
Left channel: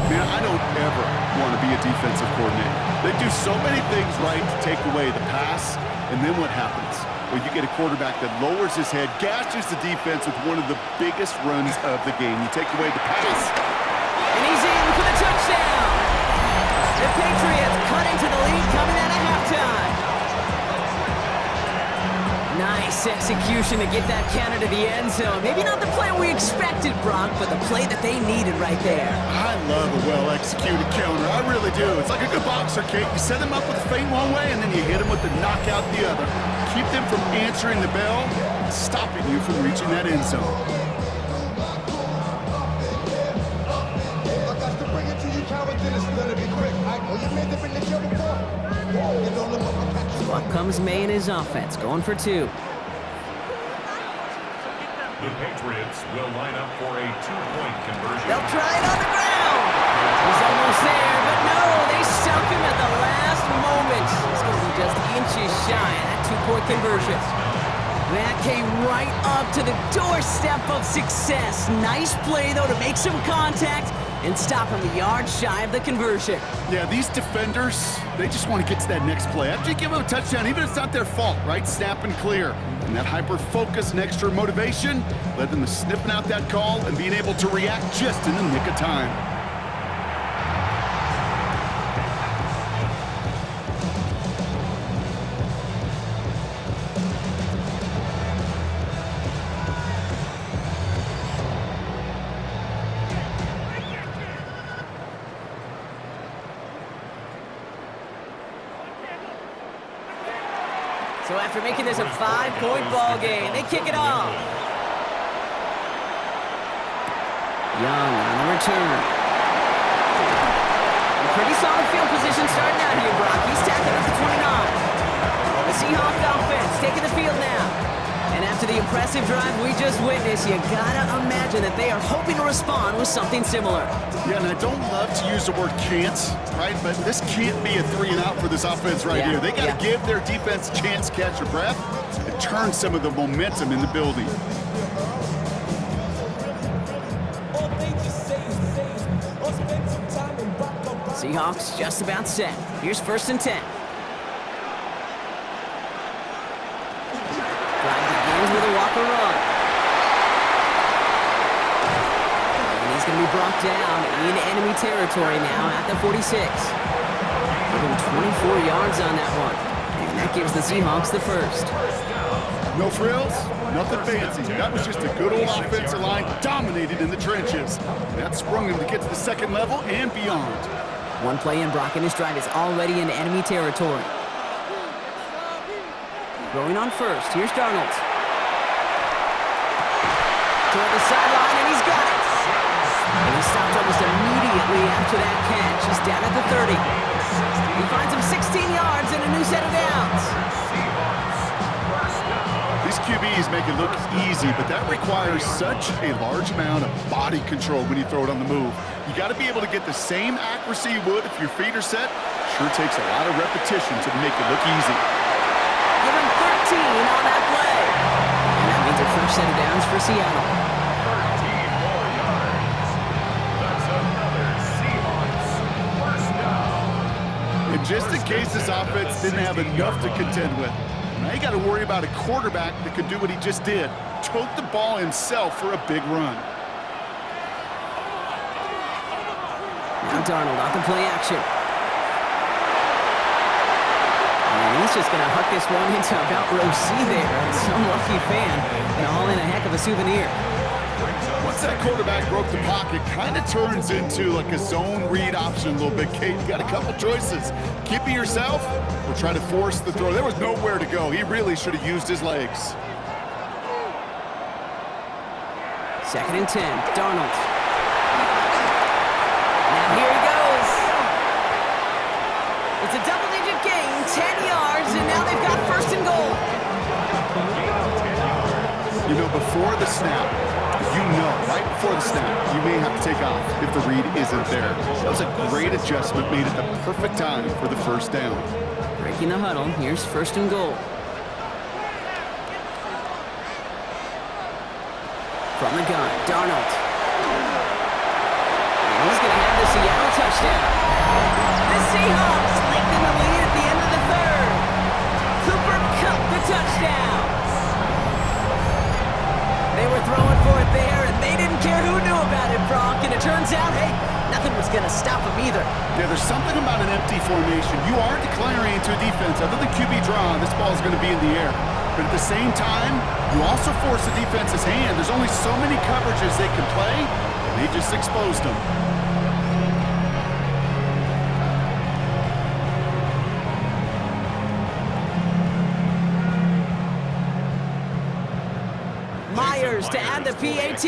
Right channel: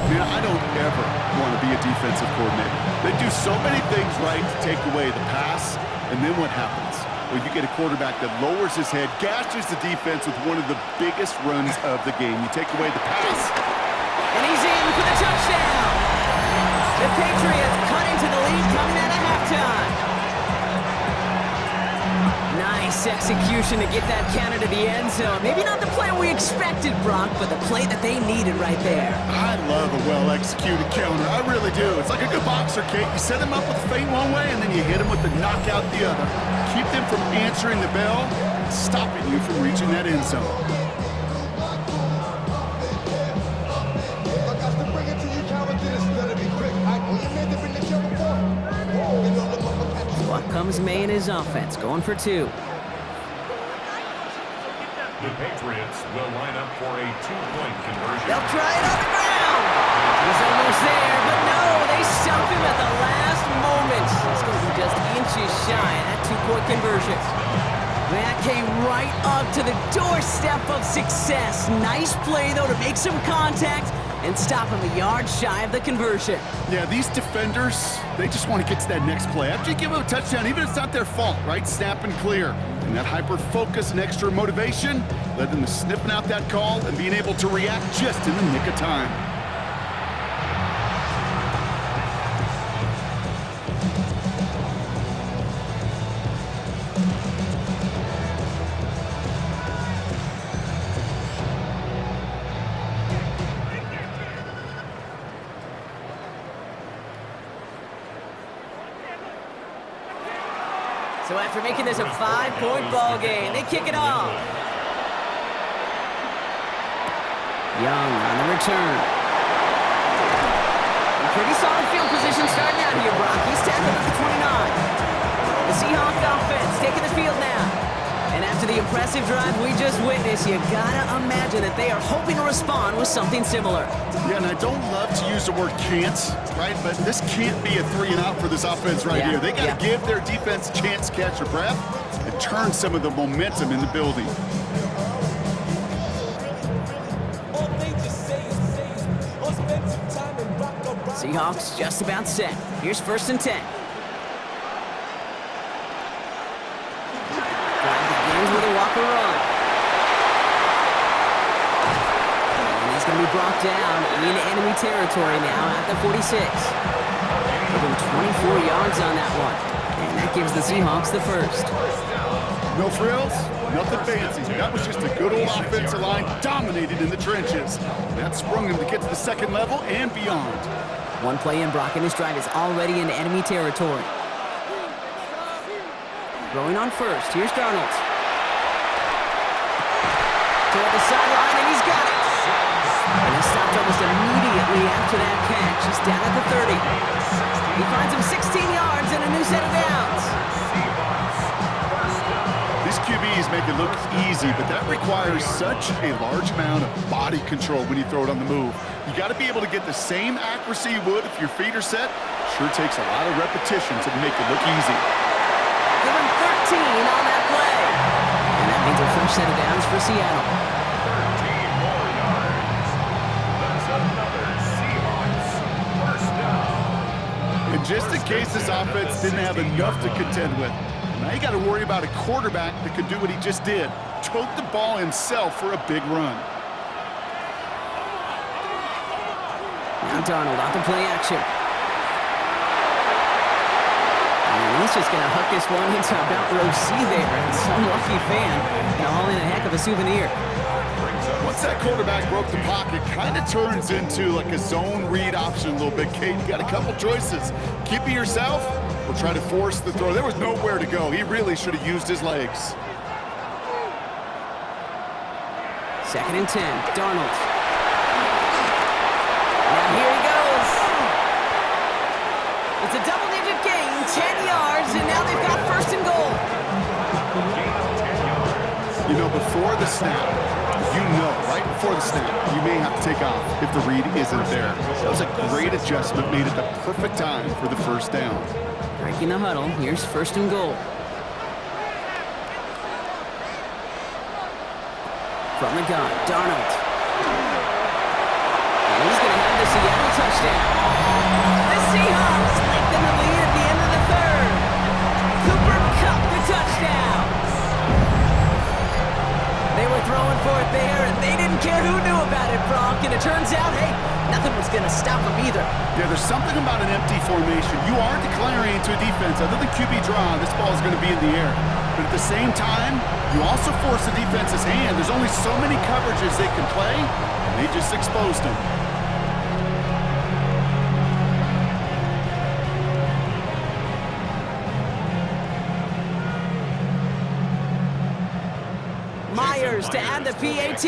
Man, I don't ever want to be a defensive coordinator. They do so many things right to take away the pass, and then what happens? Well, you get a quarterback that lowers his head, gashes the defense with one of the biggest runs of the game. You take away the pass. And he's in for the touchdown. The Patriots cut into the lead coming out of halftime. Nice execution to get that counter to the end zone. Maybe not the play we expected, Brock, but the play that they needed right there. I love a well-executed counter. I really do. It's like a good boxer, Kate. You set them up with a feint one way, and then you hit them with the knockout the other. Keep them from answering the bell, stopping you from reaching that end zone. So up comes May and his offense, going for 2. The Patriots will line up for a 2-point conversion. They'll try it on the ground. He's almost there, but no, they stop him at the last moment. It's going to be just inches shy of that 2-point conversion. That came right up to the doorstep of success. Nice play, though, to make some contact and stop him a yard shy of the conversion. Yeah, these defenders, they just want to get to that next play. After you give them a touchdown, even if it's not their fault, right? Snap and clear. And that hyper-focus and extra motivation led them to sniffing out that call and being able to react just in the nick of time. So after making this a 5-point ball game, they kick it off. Young on the return. A pretty solid field position starting out here, Brock. He's tackled at the 29. The Seahawks offense taking the field now. And after the impressive drive we just witnessed, you gotta imagine that they are hoping to respond with something similar. Yeah, and I don't love to use the word can't, right? But this can't be a 3-and-out for this offense right here. They got to give their defense a chance to catch their breath and turn some of the momentum in the building. Seahawks just about set. Here's 1st and 10. Drive begins with a walker run. And he's going to be brought down in enemy territory now at the 46. Give him 24 yards on that one. And that gives the Seahawks the first. No frills, nothing fancy. That was just a good old offensive line dominated in the trenches. That sprung him to get to the second level and beyond. One play in, Brock, and his drive is already in enemy territory. Throwing on first. Here's Darnold. Toward the sideline, and he's got it. And he stopped almost immediately after that catch. He's down at the 30. He finds him 16 yards and a new set of downs. These QBs make it look easy, but that requires such a large amount of body control when you throw it on the move. You got to be able to get the same accuracy you would if your feet are set. Sure takes a lot of repetition to make it look easy. Give him 13 on that play. And that means a fresh set of downs for Seattle. 13 more yards. That's another Seahawks first down. And just in case this offense didn't have enough to contend with, Now you got to worry about a quarterback that could do what he just did. Tote the ball himself for a big run. Now Darnold off the play action. And he's just going to huck this one into about row C there. And some lucky fan going to haul in a heck of a souvenir. Once that quarterback broke the pocket, kind of turns into like a zone read option a little bit. Kate, you got a couple choices. Keep it yourself or try to force the throw. There was nowhere to go. He really should have used his legs. 2nd and 10, Darnold. Now here he goes. It's a double-digit gain, 10 yards, and now they've got 1st and goal. You know, before the snap, right before the snap, you may have to take off if the read isn't there. That was a great adjustment, made it the perfect time for the 1st down. Breaking the huddle, here's 1st and goal. From the gun, Darnold. And he's going to have the Seattle touchdown. The Seahawks lengthen the lead at the end of the 3rd. Cooper Kupp the touchdown. They were throwing for it there, and they didn't care who knew about it, Brock. And it turns out, hey, nothing was going to stop them either. Yeah, there's something about an empty formation. You aren't declaring into a defense. Other than QB draw, this ball is going to be in the air. But at the same time, you also force the defense's hand. There's only so many coverages they can play, and they just exposed them. Myers to add the PAT.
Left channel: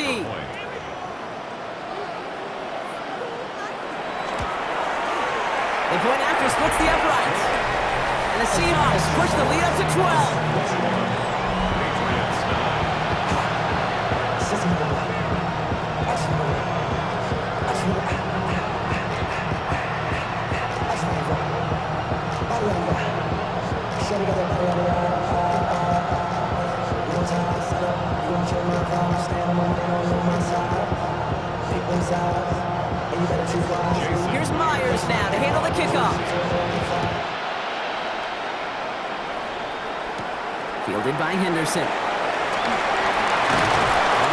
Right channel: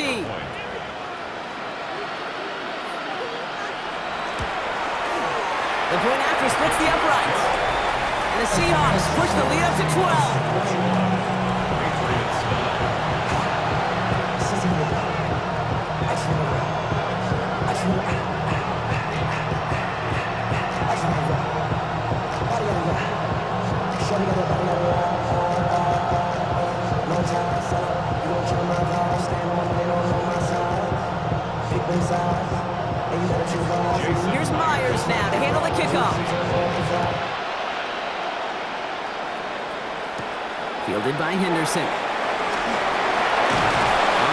The point after splits the uprights. And the Seahawks push the lead up to 12. Patriots 9. Here's Myers now to handle the kickoff. Fielded by Henderson. All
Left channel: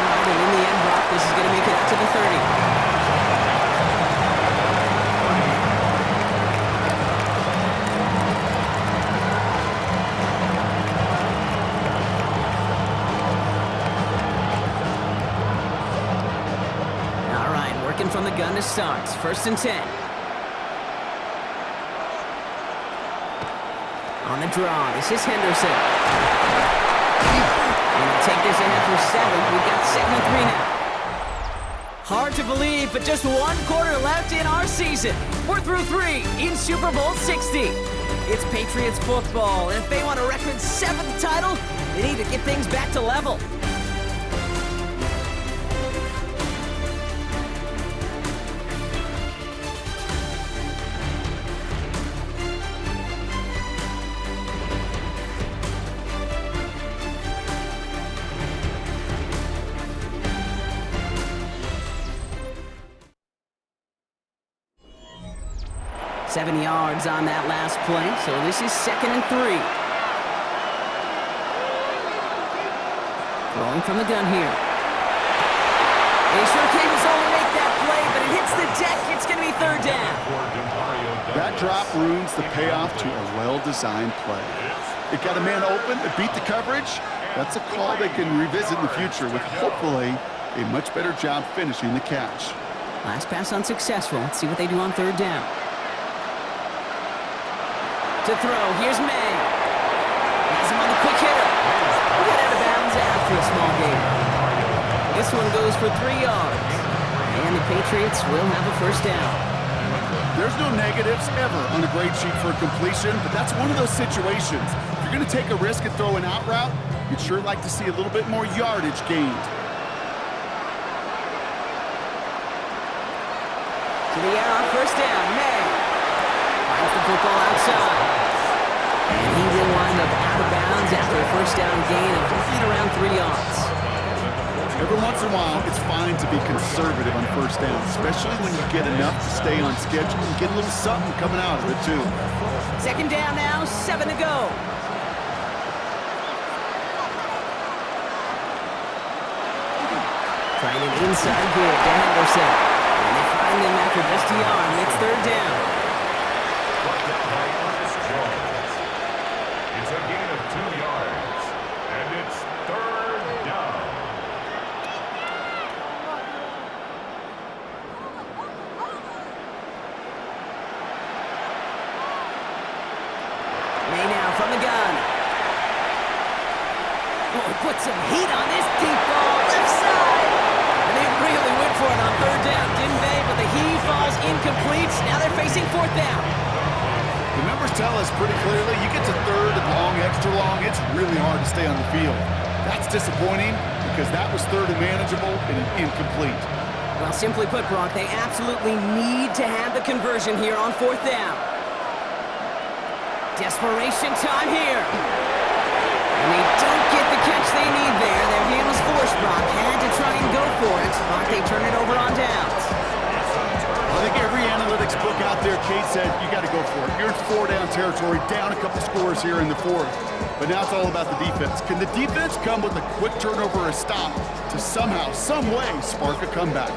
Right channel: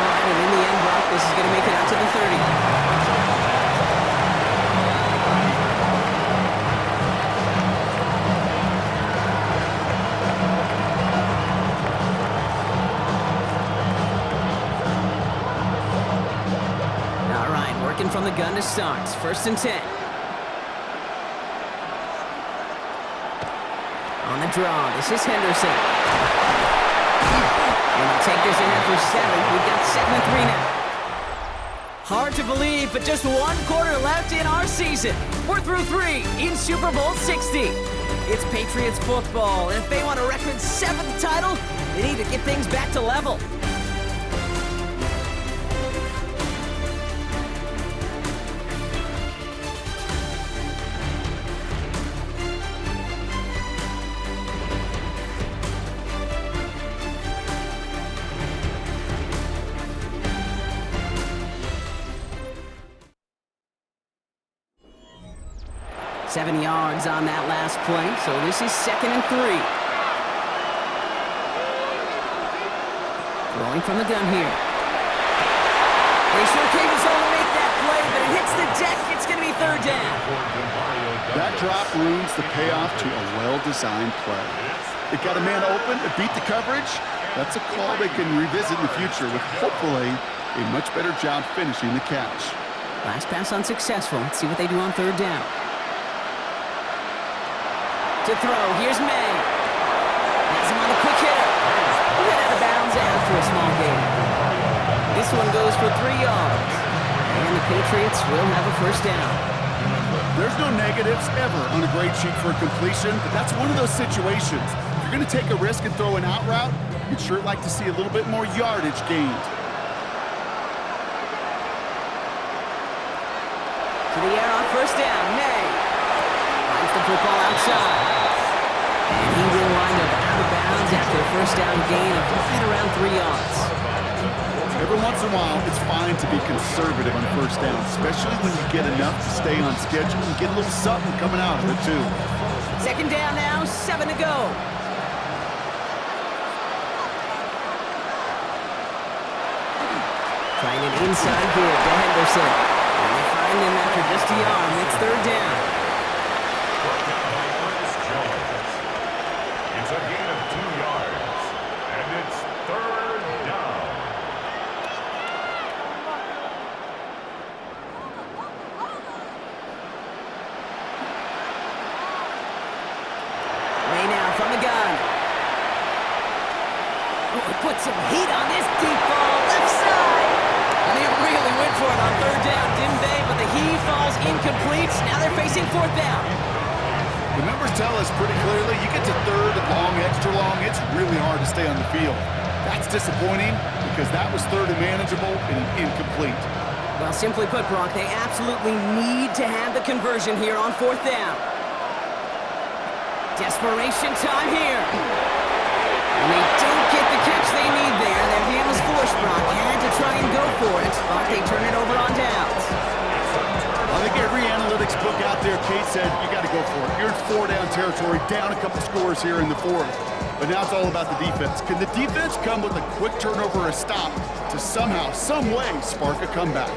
right, and in the end, Brock, this is going to make it out to the 30. All right, working from the gun to start. 1st and 10. On the draw, this is Henderson. And he'll take this ahead for 7. We've got 2nd and 3 now. Hard to believe, but just 1 quarter left in our season. We're through 3 in Super Bowl 60. It's Patriots football, and if they want a record 7th title, they need to get things back to level. Seven yards on that last play, so this is 2nd and 3. Throwing from the gun here. They sure came his own to make that play, but it hits the deck. It's going to be 3rd down. That drop ruins the payoff to a well-designed play. It got a man open, it beat the coverage. That's a call they can revisit in the future with hopefully a much better job finishing the catch. Last pass unsuccessful. Let's see what they do on 3rd down. To throw, here's May. Has him on the quick hitter. We'll head out of bounds after a small gain. This one goes for 3 yards. And the Patriots will have a 1st down. There's no negatives ever on a grade sheet for a completion, but that's one of those situations. If you're going to take a risk and throw an out route, you'd sure like to see a little bit more yardage gained. To the air on 1st down, May. Finds the football outside. And he will wind up out of bounds after a 1st down gain of right around 3 yards. Every once in a while, it's fine to be conservative on 1st down, especially when you get enough to stay on schedule and get a little something coming out of it, too. 2nd down now, 7 to go. Trying an inside give to Henderson. And they find him after just a yard. It's third down. Brought down by Ernest Jones. It's a gain of 2 yards. And it's third down. May now from the gun. Oh, he put some heat on this deep ball, left side. And they really went for it on third down, didn't they? But the heave falls incomplete. Now they're facing fourth down. The numbers tell us pretty clearly, you get to third and long, extra long, it's really hard to stay on the field. That's disappointing because that was third and manageable and incomplete. Well, simply put, Brock, they absolutely need to have the conversion here on fourth down. Desperation time here. And they don't get the catch they need there. Their hand was forced, Brock. Had to try and go for it, but they turn it over on downs. I think every analytics book out there, Kate said, you got to go for it. You're in 4-down territory, down a couple scores here in the fourth. But now it's all about the defense. Can the defense come with a quick turnover or a stop to somehow, some way, spark a comeback?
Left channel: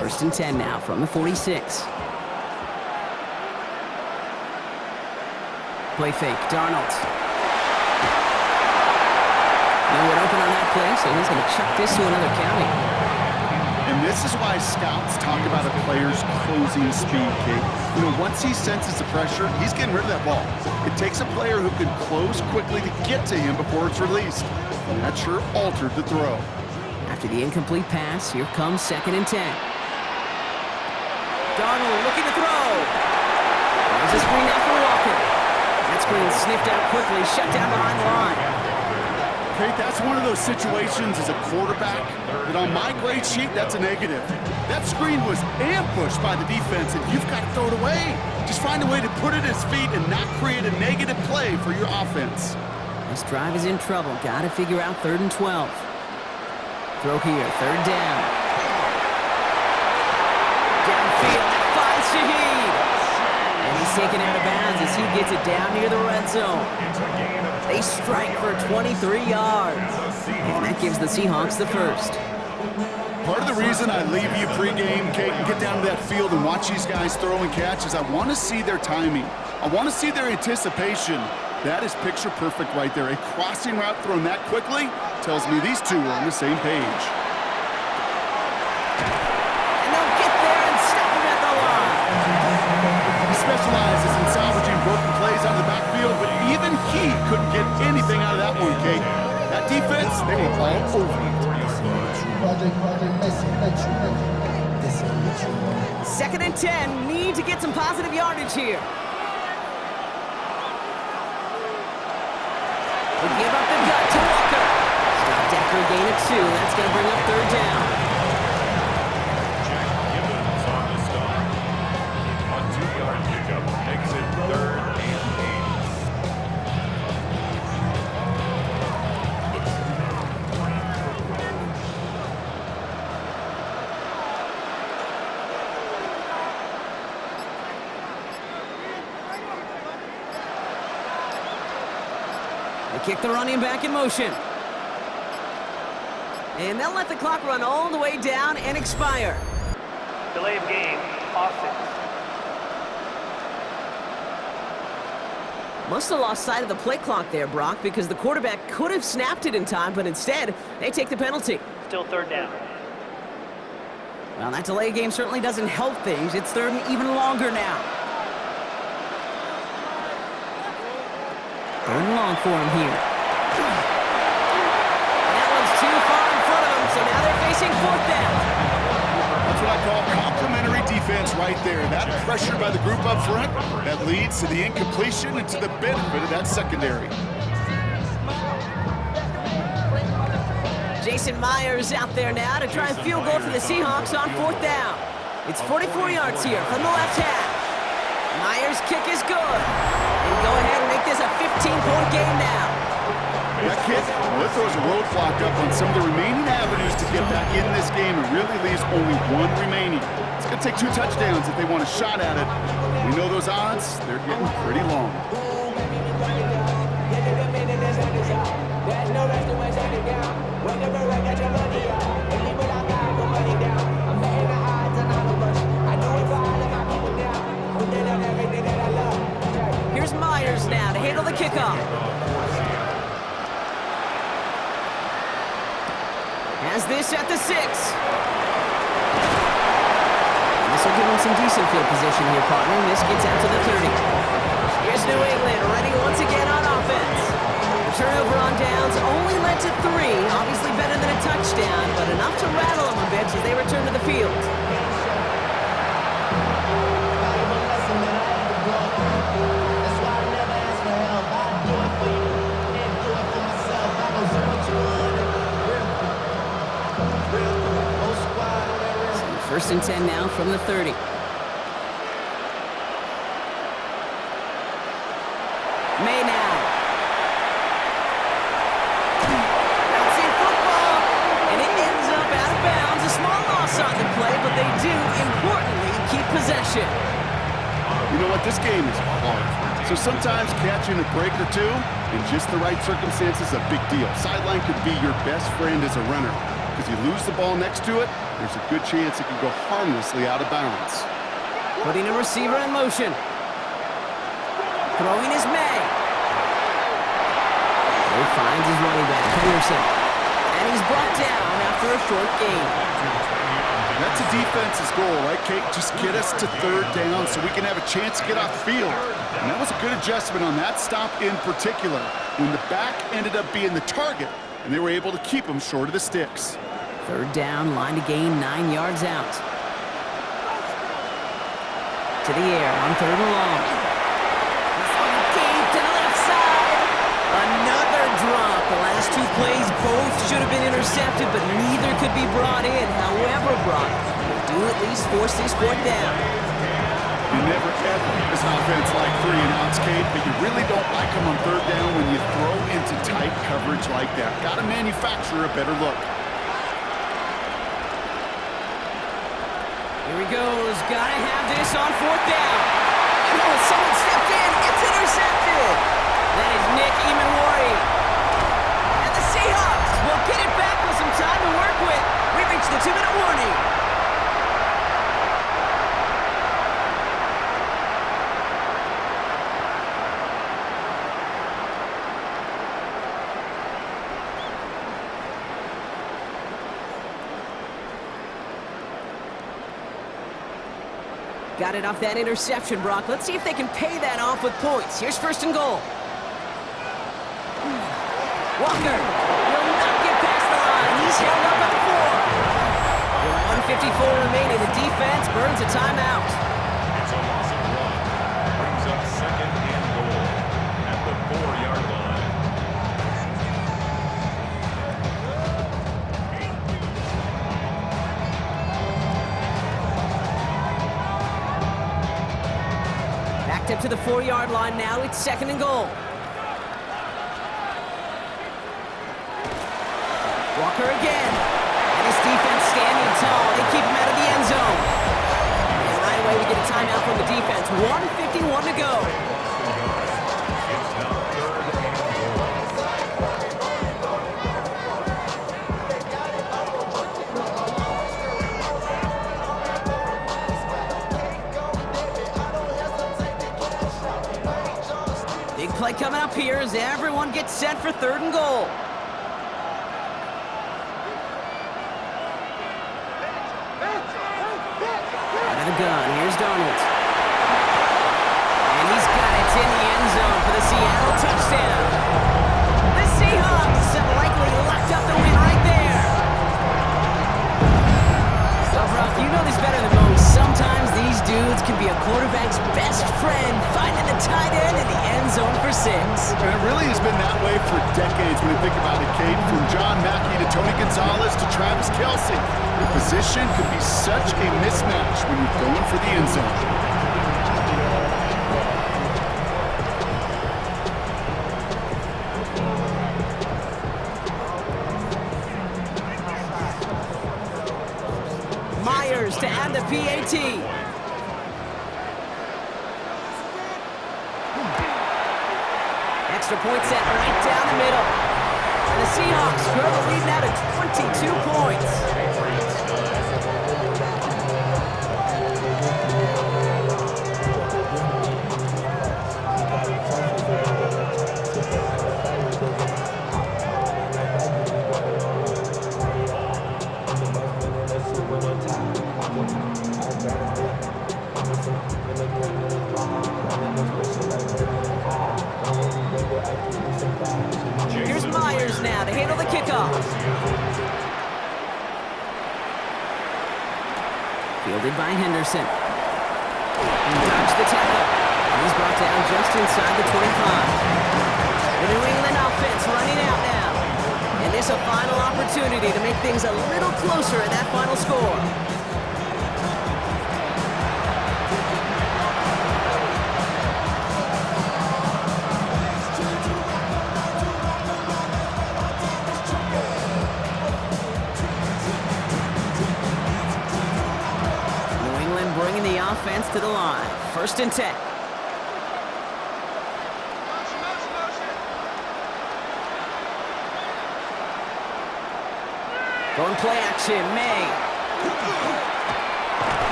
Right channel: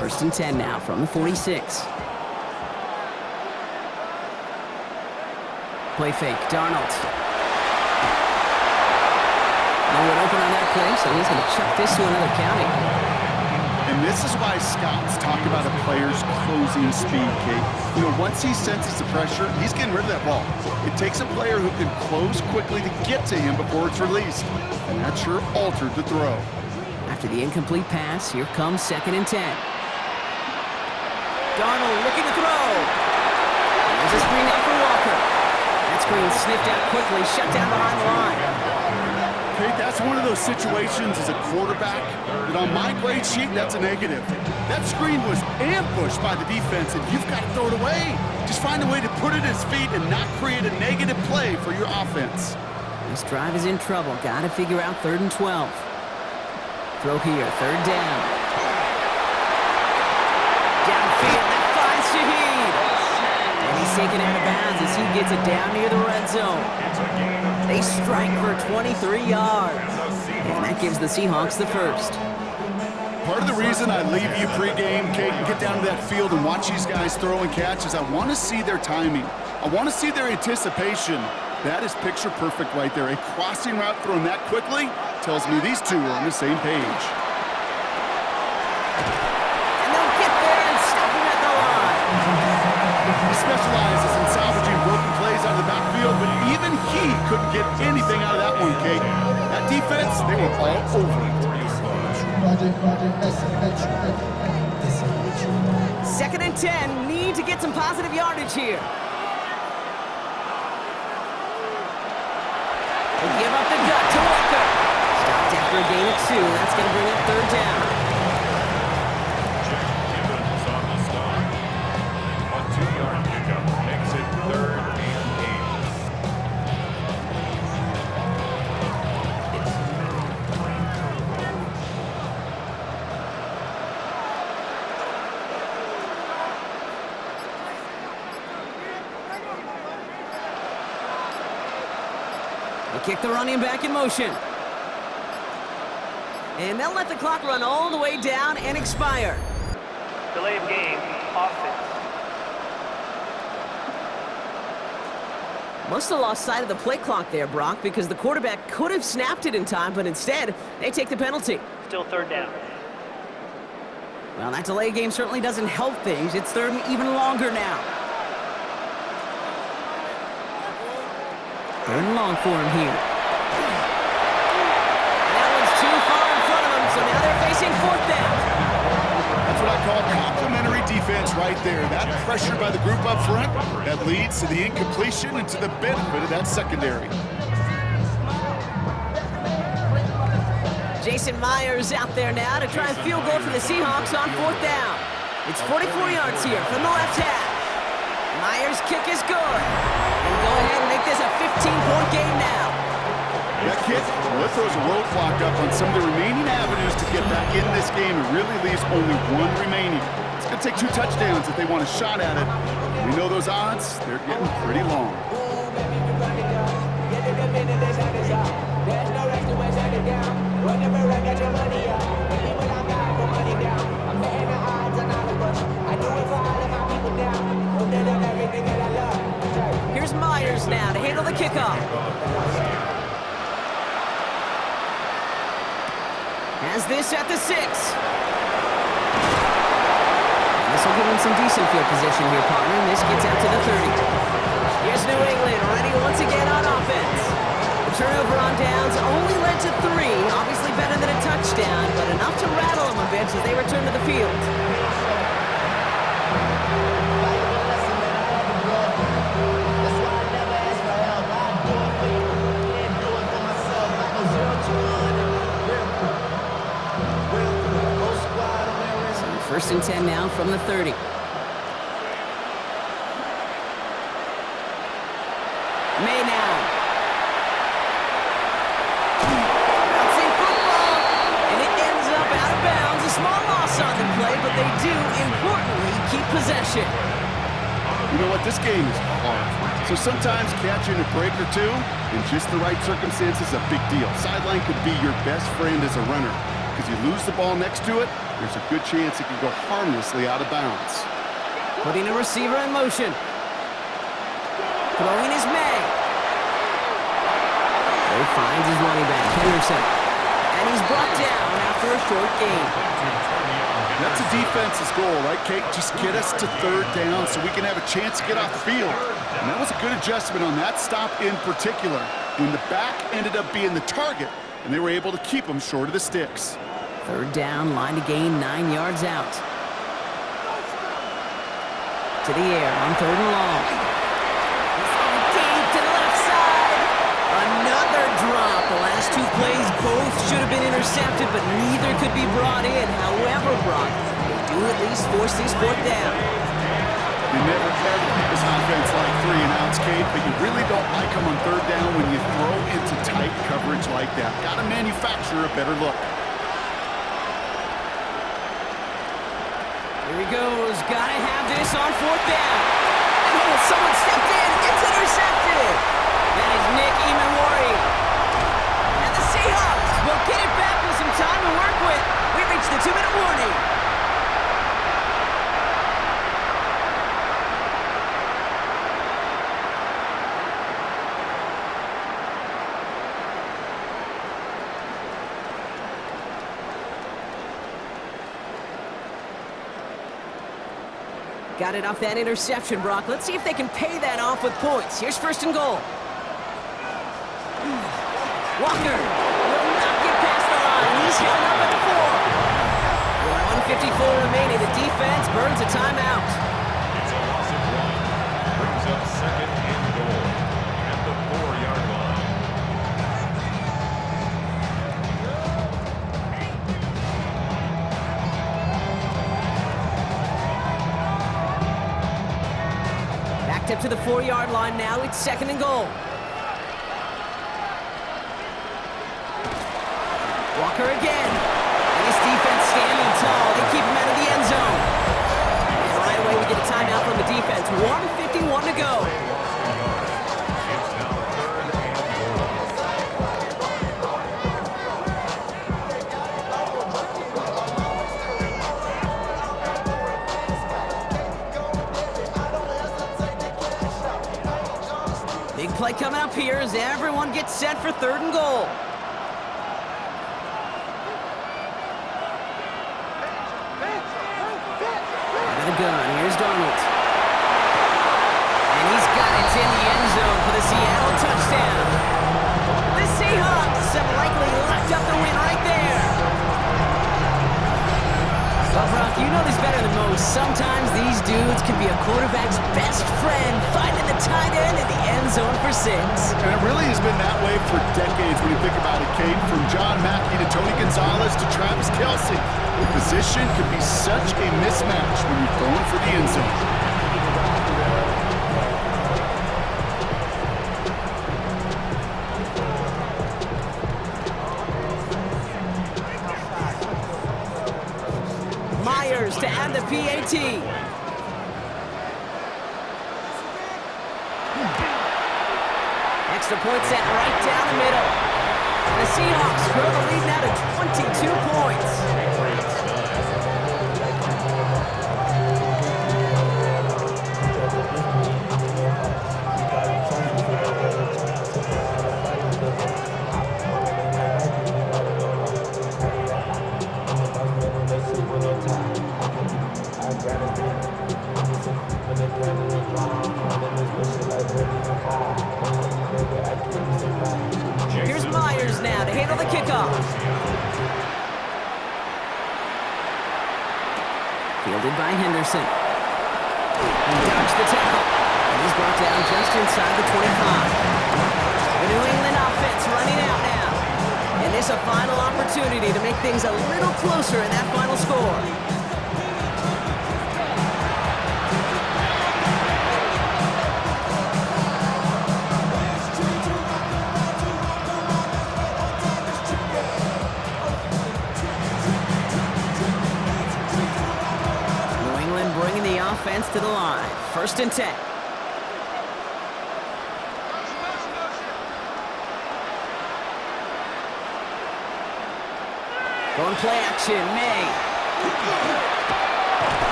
First and 10 now from the 46. Play fake, Darnold. No one open on that play, so he's going to chuck this to another county. And this is why scouts talk about a player's closing speed, Kate. You know, once he senses the pressure, he's getting rid of that ball. It takes a player who can close quickly to get to him before it's released. And that sure altered the throw. After the incomplete pass, here comes second and 10. Darnold looking to throw. There's a screen now for Walker. That screen sniffed out quickly, shut down behind the line. Kate, that's one of those situations as a quarterback that on my grade sheet, that's a negative. That screen was ambushed by the defense, and you've got to throw it away. Just find a way to put it at his feet and not create a negative play for your offense. This drive is in trouble. Got to figure out third and 12. Throw here, third down. Downfield, that finds Shaheed. And he's taken out of bounds as he gets it down near the red zone. They strike for 23 yards. And that gives the Seahawks the first. Part of the reason I leave you pregame, Kate, and get down to that field and watch these guys throw and catch is I want to see their timing. I want to see their anticipation. That is picture perfect right there. A crossing route thrown that quickly tells me these two are on the same page. He specializes in salvaging broken plays out of the backfield, but even he couldn't get anything out of that one, Kate. That defense, they were all over it. Second and 10, need to get some positive yardage here. They give up the gut to Walker. Stopped after a gain of 2. That's going to bring up third down. Pickup makes it third and 8. They kick the running back in motion. And they'll let the clock run all the way down and expire. Delay of game, offense. Must have lost sight of the play clock there, Brock, because the quarterback could have snapped it in time, but instead, they take the penalty. Still third down. Well, that delay game certainly doesn't help things. It's third and even longer now. Third and long for him here. And that one's too far in front of him, so now they're facing fourth down. That's what I call complementary defense right there. That pressure by the group up front, that leads to the incompletion and to the benefit of that secondary. Jason Myers out there now to try and field goal for the Seahawks on fourth down. It's 44 yards here from the left hash. Myers' kick is good. And go ahead and make this a 15-point game now. That kick, well, it throws a roadblock up on some of the remaining avenues to get back in this game and really leaves only one remaining. It's going to take 2 touchdowns if they want a shot at it. We know those odds, they're getting pretty long. There's no rush to my shut it down. Whenever I get your money up, when people don't got put money down. I'm betting the odds on all of us. I do it for all of my people now. Who did on everything that I love. Here's Myers now to handle the kickoff. Has this at the 6. And this will give him some decent field position here, partner. And this gets out to the 30. Here's New England ready once again on offense. The turnover on downs only led to 3. Obviously better than a touchdown, but enough to rattle them a bit as they return to the field. First and 10 now from the 30. May now. Bouncing football, and it ends up out of bounds. A small loss on the play, but they do, importantly, keep possession. You know what? This game is hard. So sometimes catching a break or 2 in just the right circumstances is a big deal. Sideline could be your best friend as a runner. Because you lose the ball next to it, there's a good chance it can go harmlessly out of bounds. Putting a receiver in motion. Throwing is May. He finds his running back, Henderson. And he's brought down after a short gain. That's a defense's goal, right, Kate? Just get us to 3rd down so we can have a chance to get off the field. And that was a good adjustment on that stop in particular, when the back ended up being the target, and they were able to keep him short of the sticks. 3rd down, line to gain, 9 yards out. To the air on 3rd and long. He's on deep to the left side. Another drop. The last 2 plays both should have been intercepted, but neither could be brought in. However brought, they do at least force this 4th down. You never ever this offense like 3 and outs, Kate, but you really don't like them on 3rd down when you throw into tight coverage like that. Got to manufacture a better look. Here he goes. Gotta have this on 4th down. And oh, someone stepped in. It's intercepted. That is Nick Imanwari. And the Seahawks will get it back with some time to work with. We reached the 2-minute warning. Got it off that interception, Brock. Let's see if they can pay that off with points. Here's 1st and goal. Walker will not get past the line. He's held up at the 4. With 1:54 remaining, the defense burns a timeout. It's a loss of 1. Brings up 2nd and goal at the 4-yard line. Backed up to the 4-yard line now. It's 2nd and goal. Walker again. And his defense standing tall. They keep him out of the end zone. And right away we get a timeout from the defense. 1:51 to go. It's now 3rd and goal. Big play coming up here as everyone gets set for 3rd and goal. Out of the gun, here's Donald. And he's got it in the end zone for the Seattle touchdown. The Seahawks have likely locked up the win right there. Well, Brock, you know this better than most. Sometimes these dudes can be a quarterback's best friend, finding the tight end in the end zone for 6. And it really has been that way for decades when you think about it, Kate. From John Mackey to Tony Gonzalez to Travis Kelce. The position could be such a mismatch when you're throwing for the end zone. PAT. Extra point set right down the middle. And the Seahawks grow the lead now to 22 points. Here's Myers now to handle the kickoff. Fielded by Henderson. He dodged the tackle. And he's brought down just inside the 25. The New England offense running out now. And this a final opportunity to make things a little closer in that final score. Bringing the offense to the line. 1st and 10. Going play action, May.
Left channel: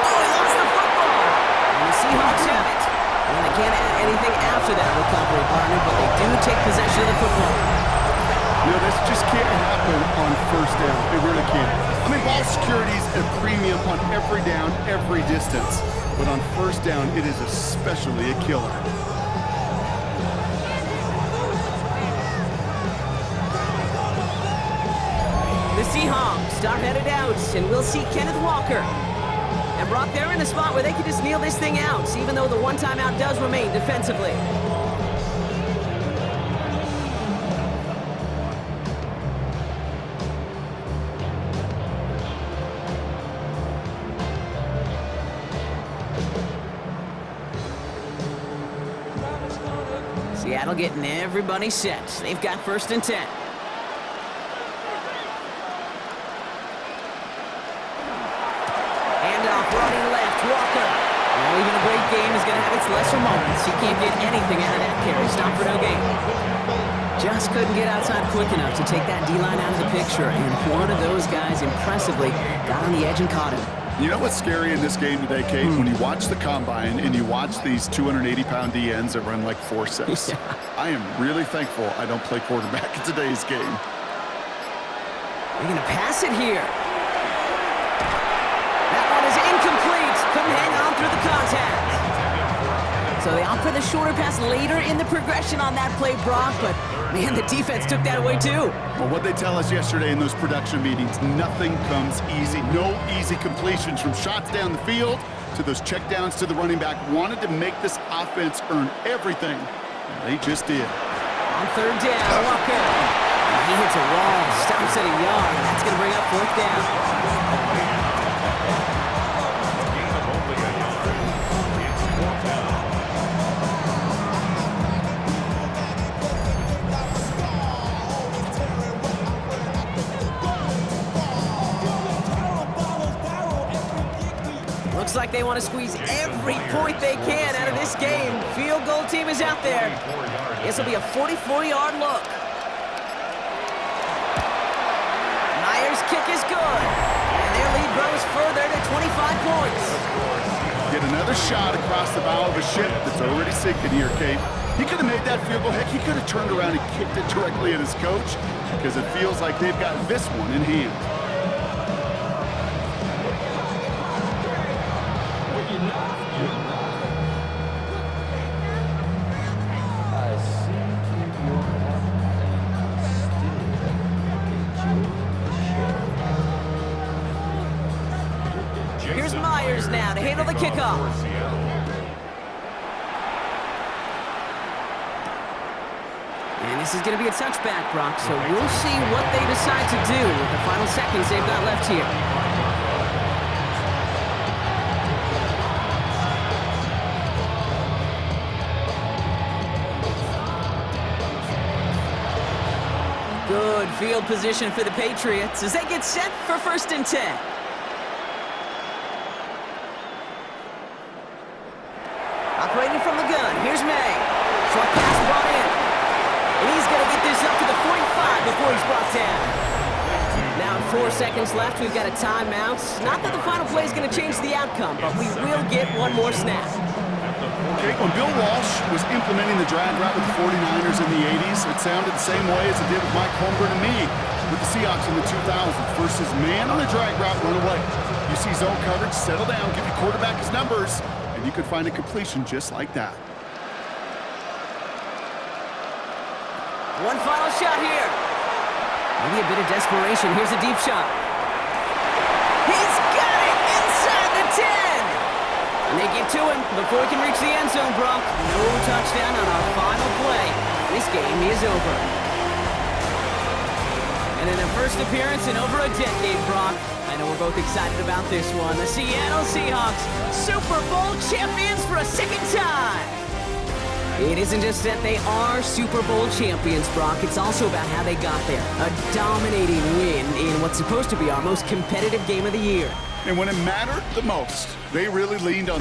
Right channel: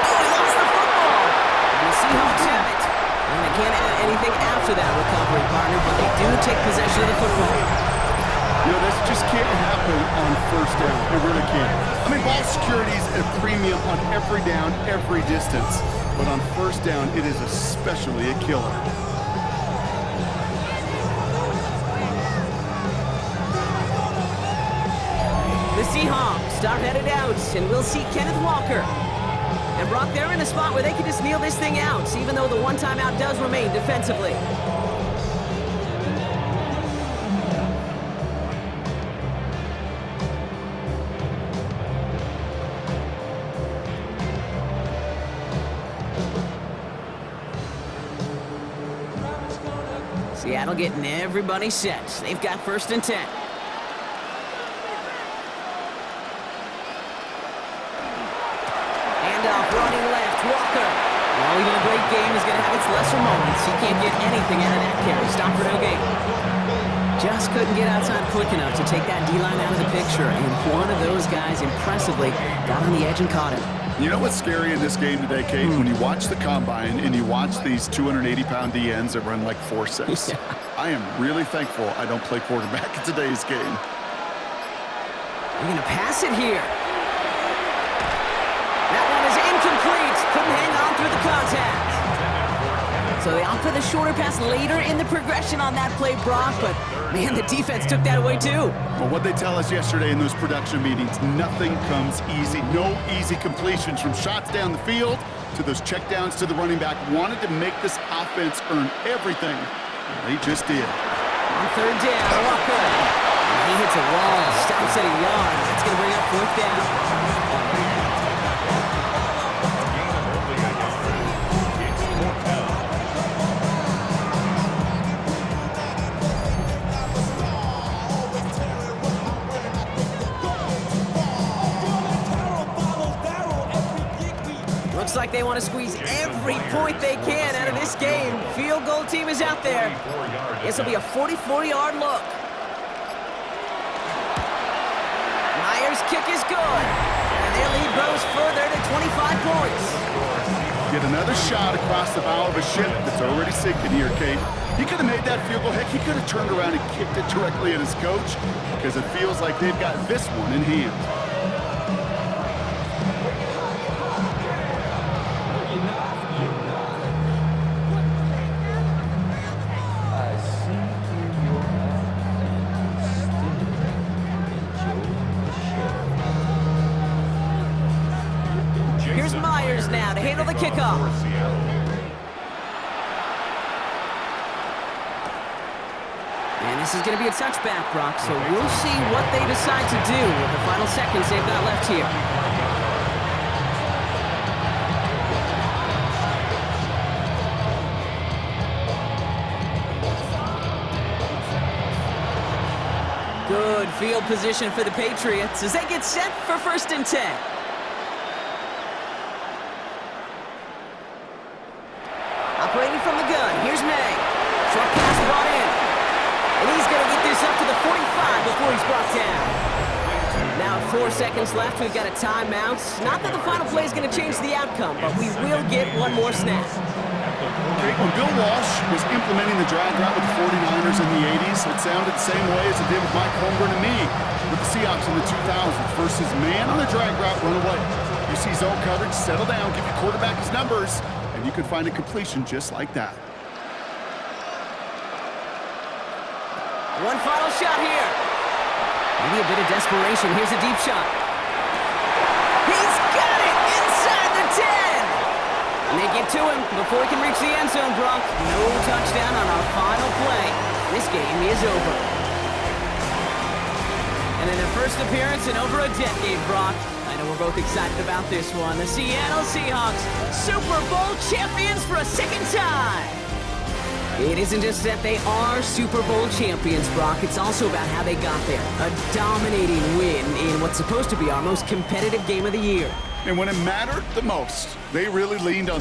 Oh, he lost the football. And the Seahawks have it. And they can't add anything after that recovery, partner, but they do take possession of the football. You know, this just can't happen on 1st down. It really can't. I mean, ball security is a premium on every down, every distance. But on 1st down, it is especially a killer. The Seahawks are headed out, and we'll see Kenneth Walker. And Brock, they're in a spot where they can just kneel this thing out, even though the one timeout does remain defensively. Seattle getting everybody set. They've got 1st and 10. Handoff running left, Walker. Well, even a great game is going to have its lesser moments. He can't get anything out of that carry. Stop for no gain. Just couldn't get outside quick enough to take that D-line out of the picture, and one of those guys impressively got on the edge and caught him. You know what's scary in this game today, Kate? When you watch the combine and you watch these 280-pound DNs that run like 4.6. Yeah. I am really thankful I don't play quarterback in today's game. They're going to pass it here. That one is incomplete. Couldn't hang on through the contact. So they opt for the shorter pass later in the progression on that play, Brock, but man, the defense took that away too. Well, what they tell us yesterday in those production meetings, nothing comes easy. No easy completions from shots down the field to those checkdowns to the running back. Wanted to make this offense earn everything, and they just did. On 3rd down, Walker. And he hits a wall, stops at a yard. That's going to bring up 4th down. A gain of only a yard. It's 4th down. Looks like they want to squeeze every point they can out of this game. Field goal team is out there. This will be a 44-yard look. Myers' kick is good. And their lead grows further to 25 points. Get another shot across the bow of a ship that's already sinking here, Kate. He could have made that field goal. Heck, he could have turned around and kicked it directly at his coach because it feels like they've got this one in hand. Here's Myers now to handle the kickoff. And this is going to be a touchback, Brock, so we'll see what they decide to do with the final seconds they've got left here. Good field position for the Patriots as they get set for 1st and 10. Operating from the gun, here's May. Short pass brought in. And he's going to get this up to the 45 before he's brought down. Now at 4 seconds left, we've got a timeout. Not that the final play is going to change the outcome, but we will get one more snap. Okay, when Bill Walsh was implementing the drag route with the 49ers in the 80s, it sounded the same way as it did with Mike Holmgren and me with the Seahawks in the 2000s. Versus man on the drag route, run away. You see zone coverage, settle down, give your quarterback his numbers, and you can find a completion just like that. One final shot here. Maybe a bit of desperation. Here's a deep shot. He's got it inside the 10. And they get to him before he can reach the end zone, Brock. No touchdown on our final play. This game is over. And in their first appearance in over a decade, Brock, I know we're both excited about this one. The Seattle Seahawks, Super Bowl champions for a second time. It isn't just that they are Super Bowl champions, Brock. It's also about how they got there. A dominating win in what's supposed to be our most competitive game of the year. And when it mattered the most, they really leaned on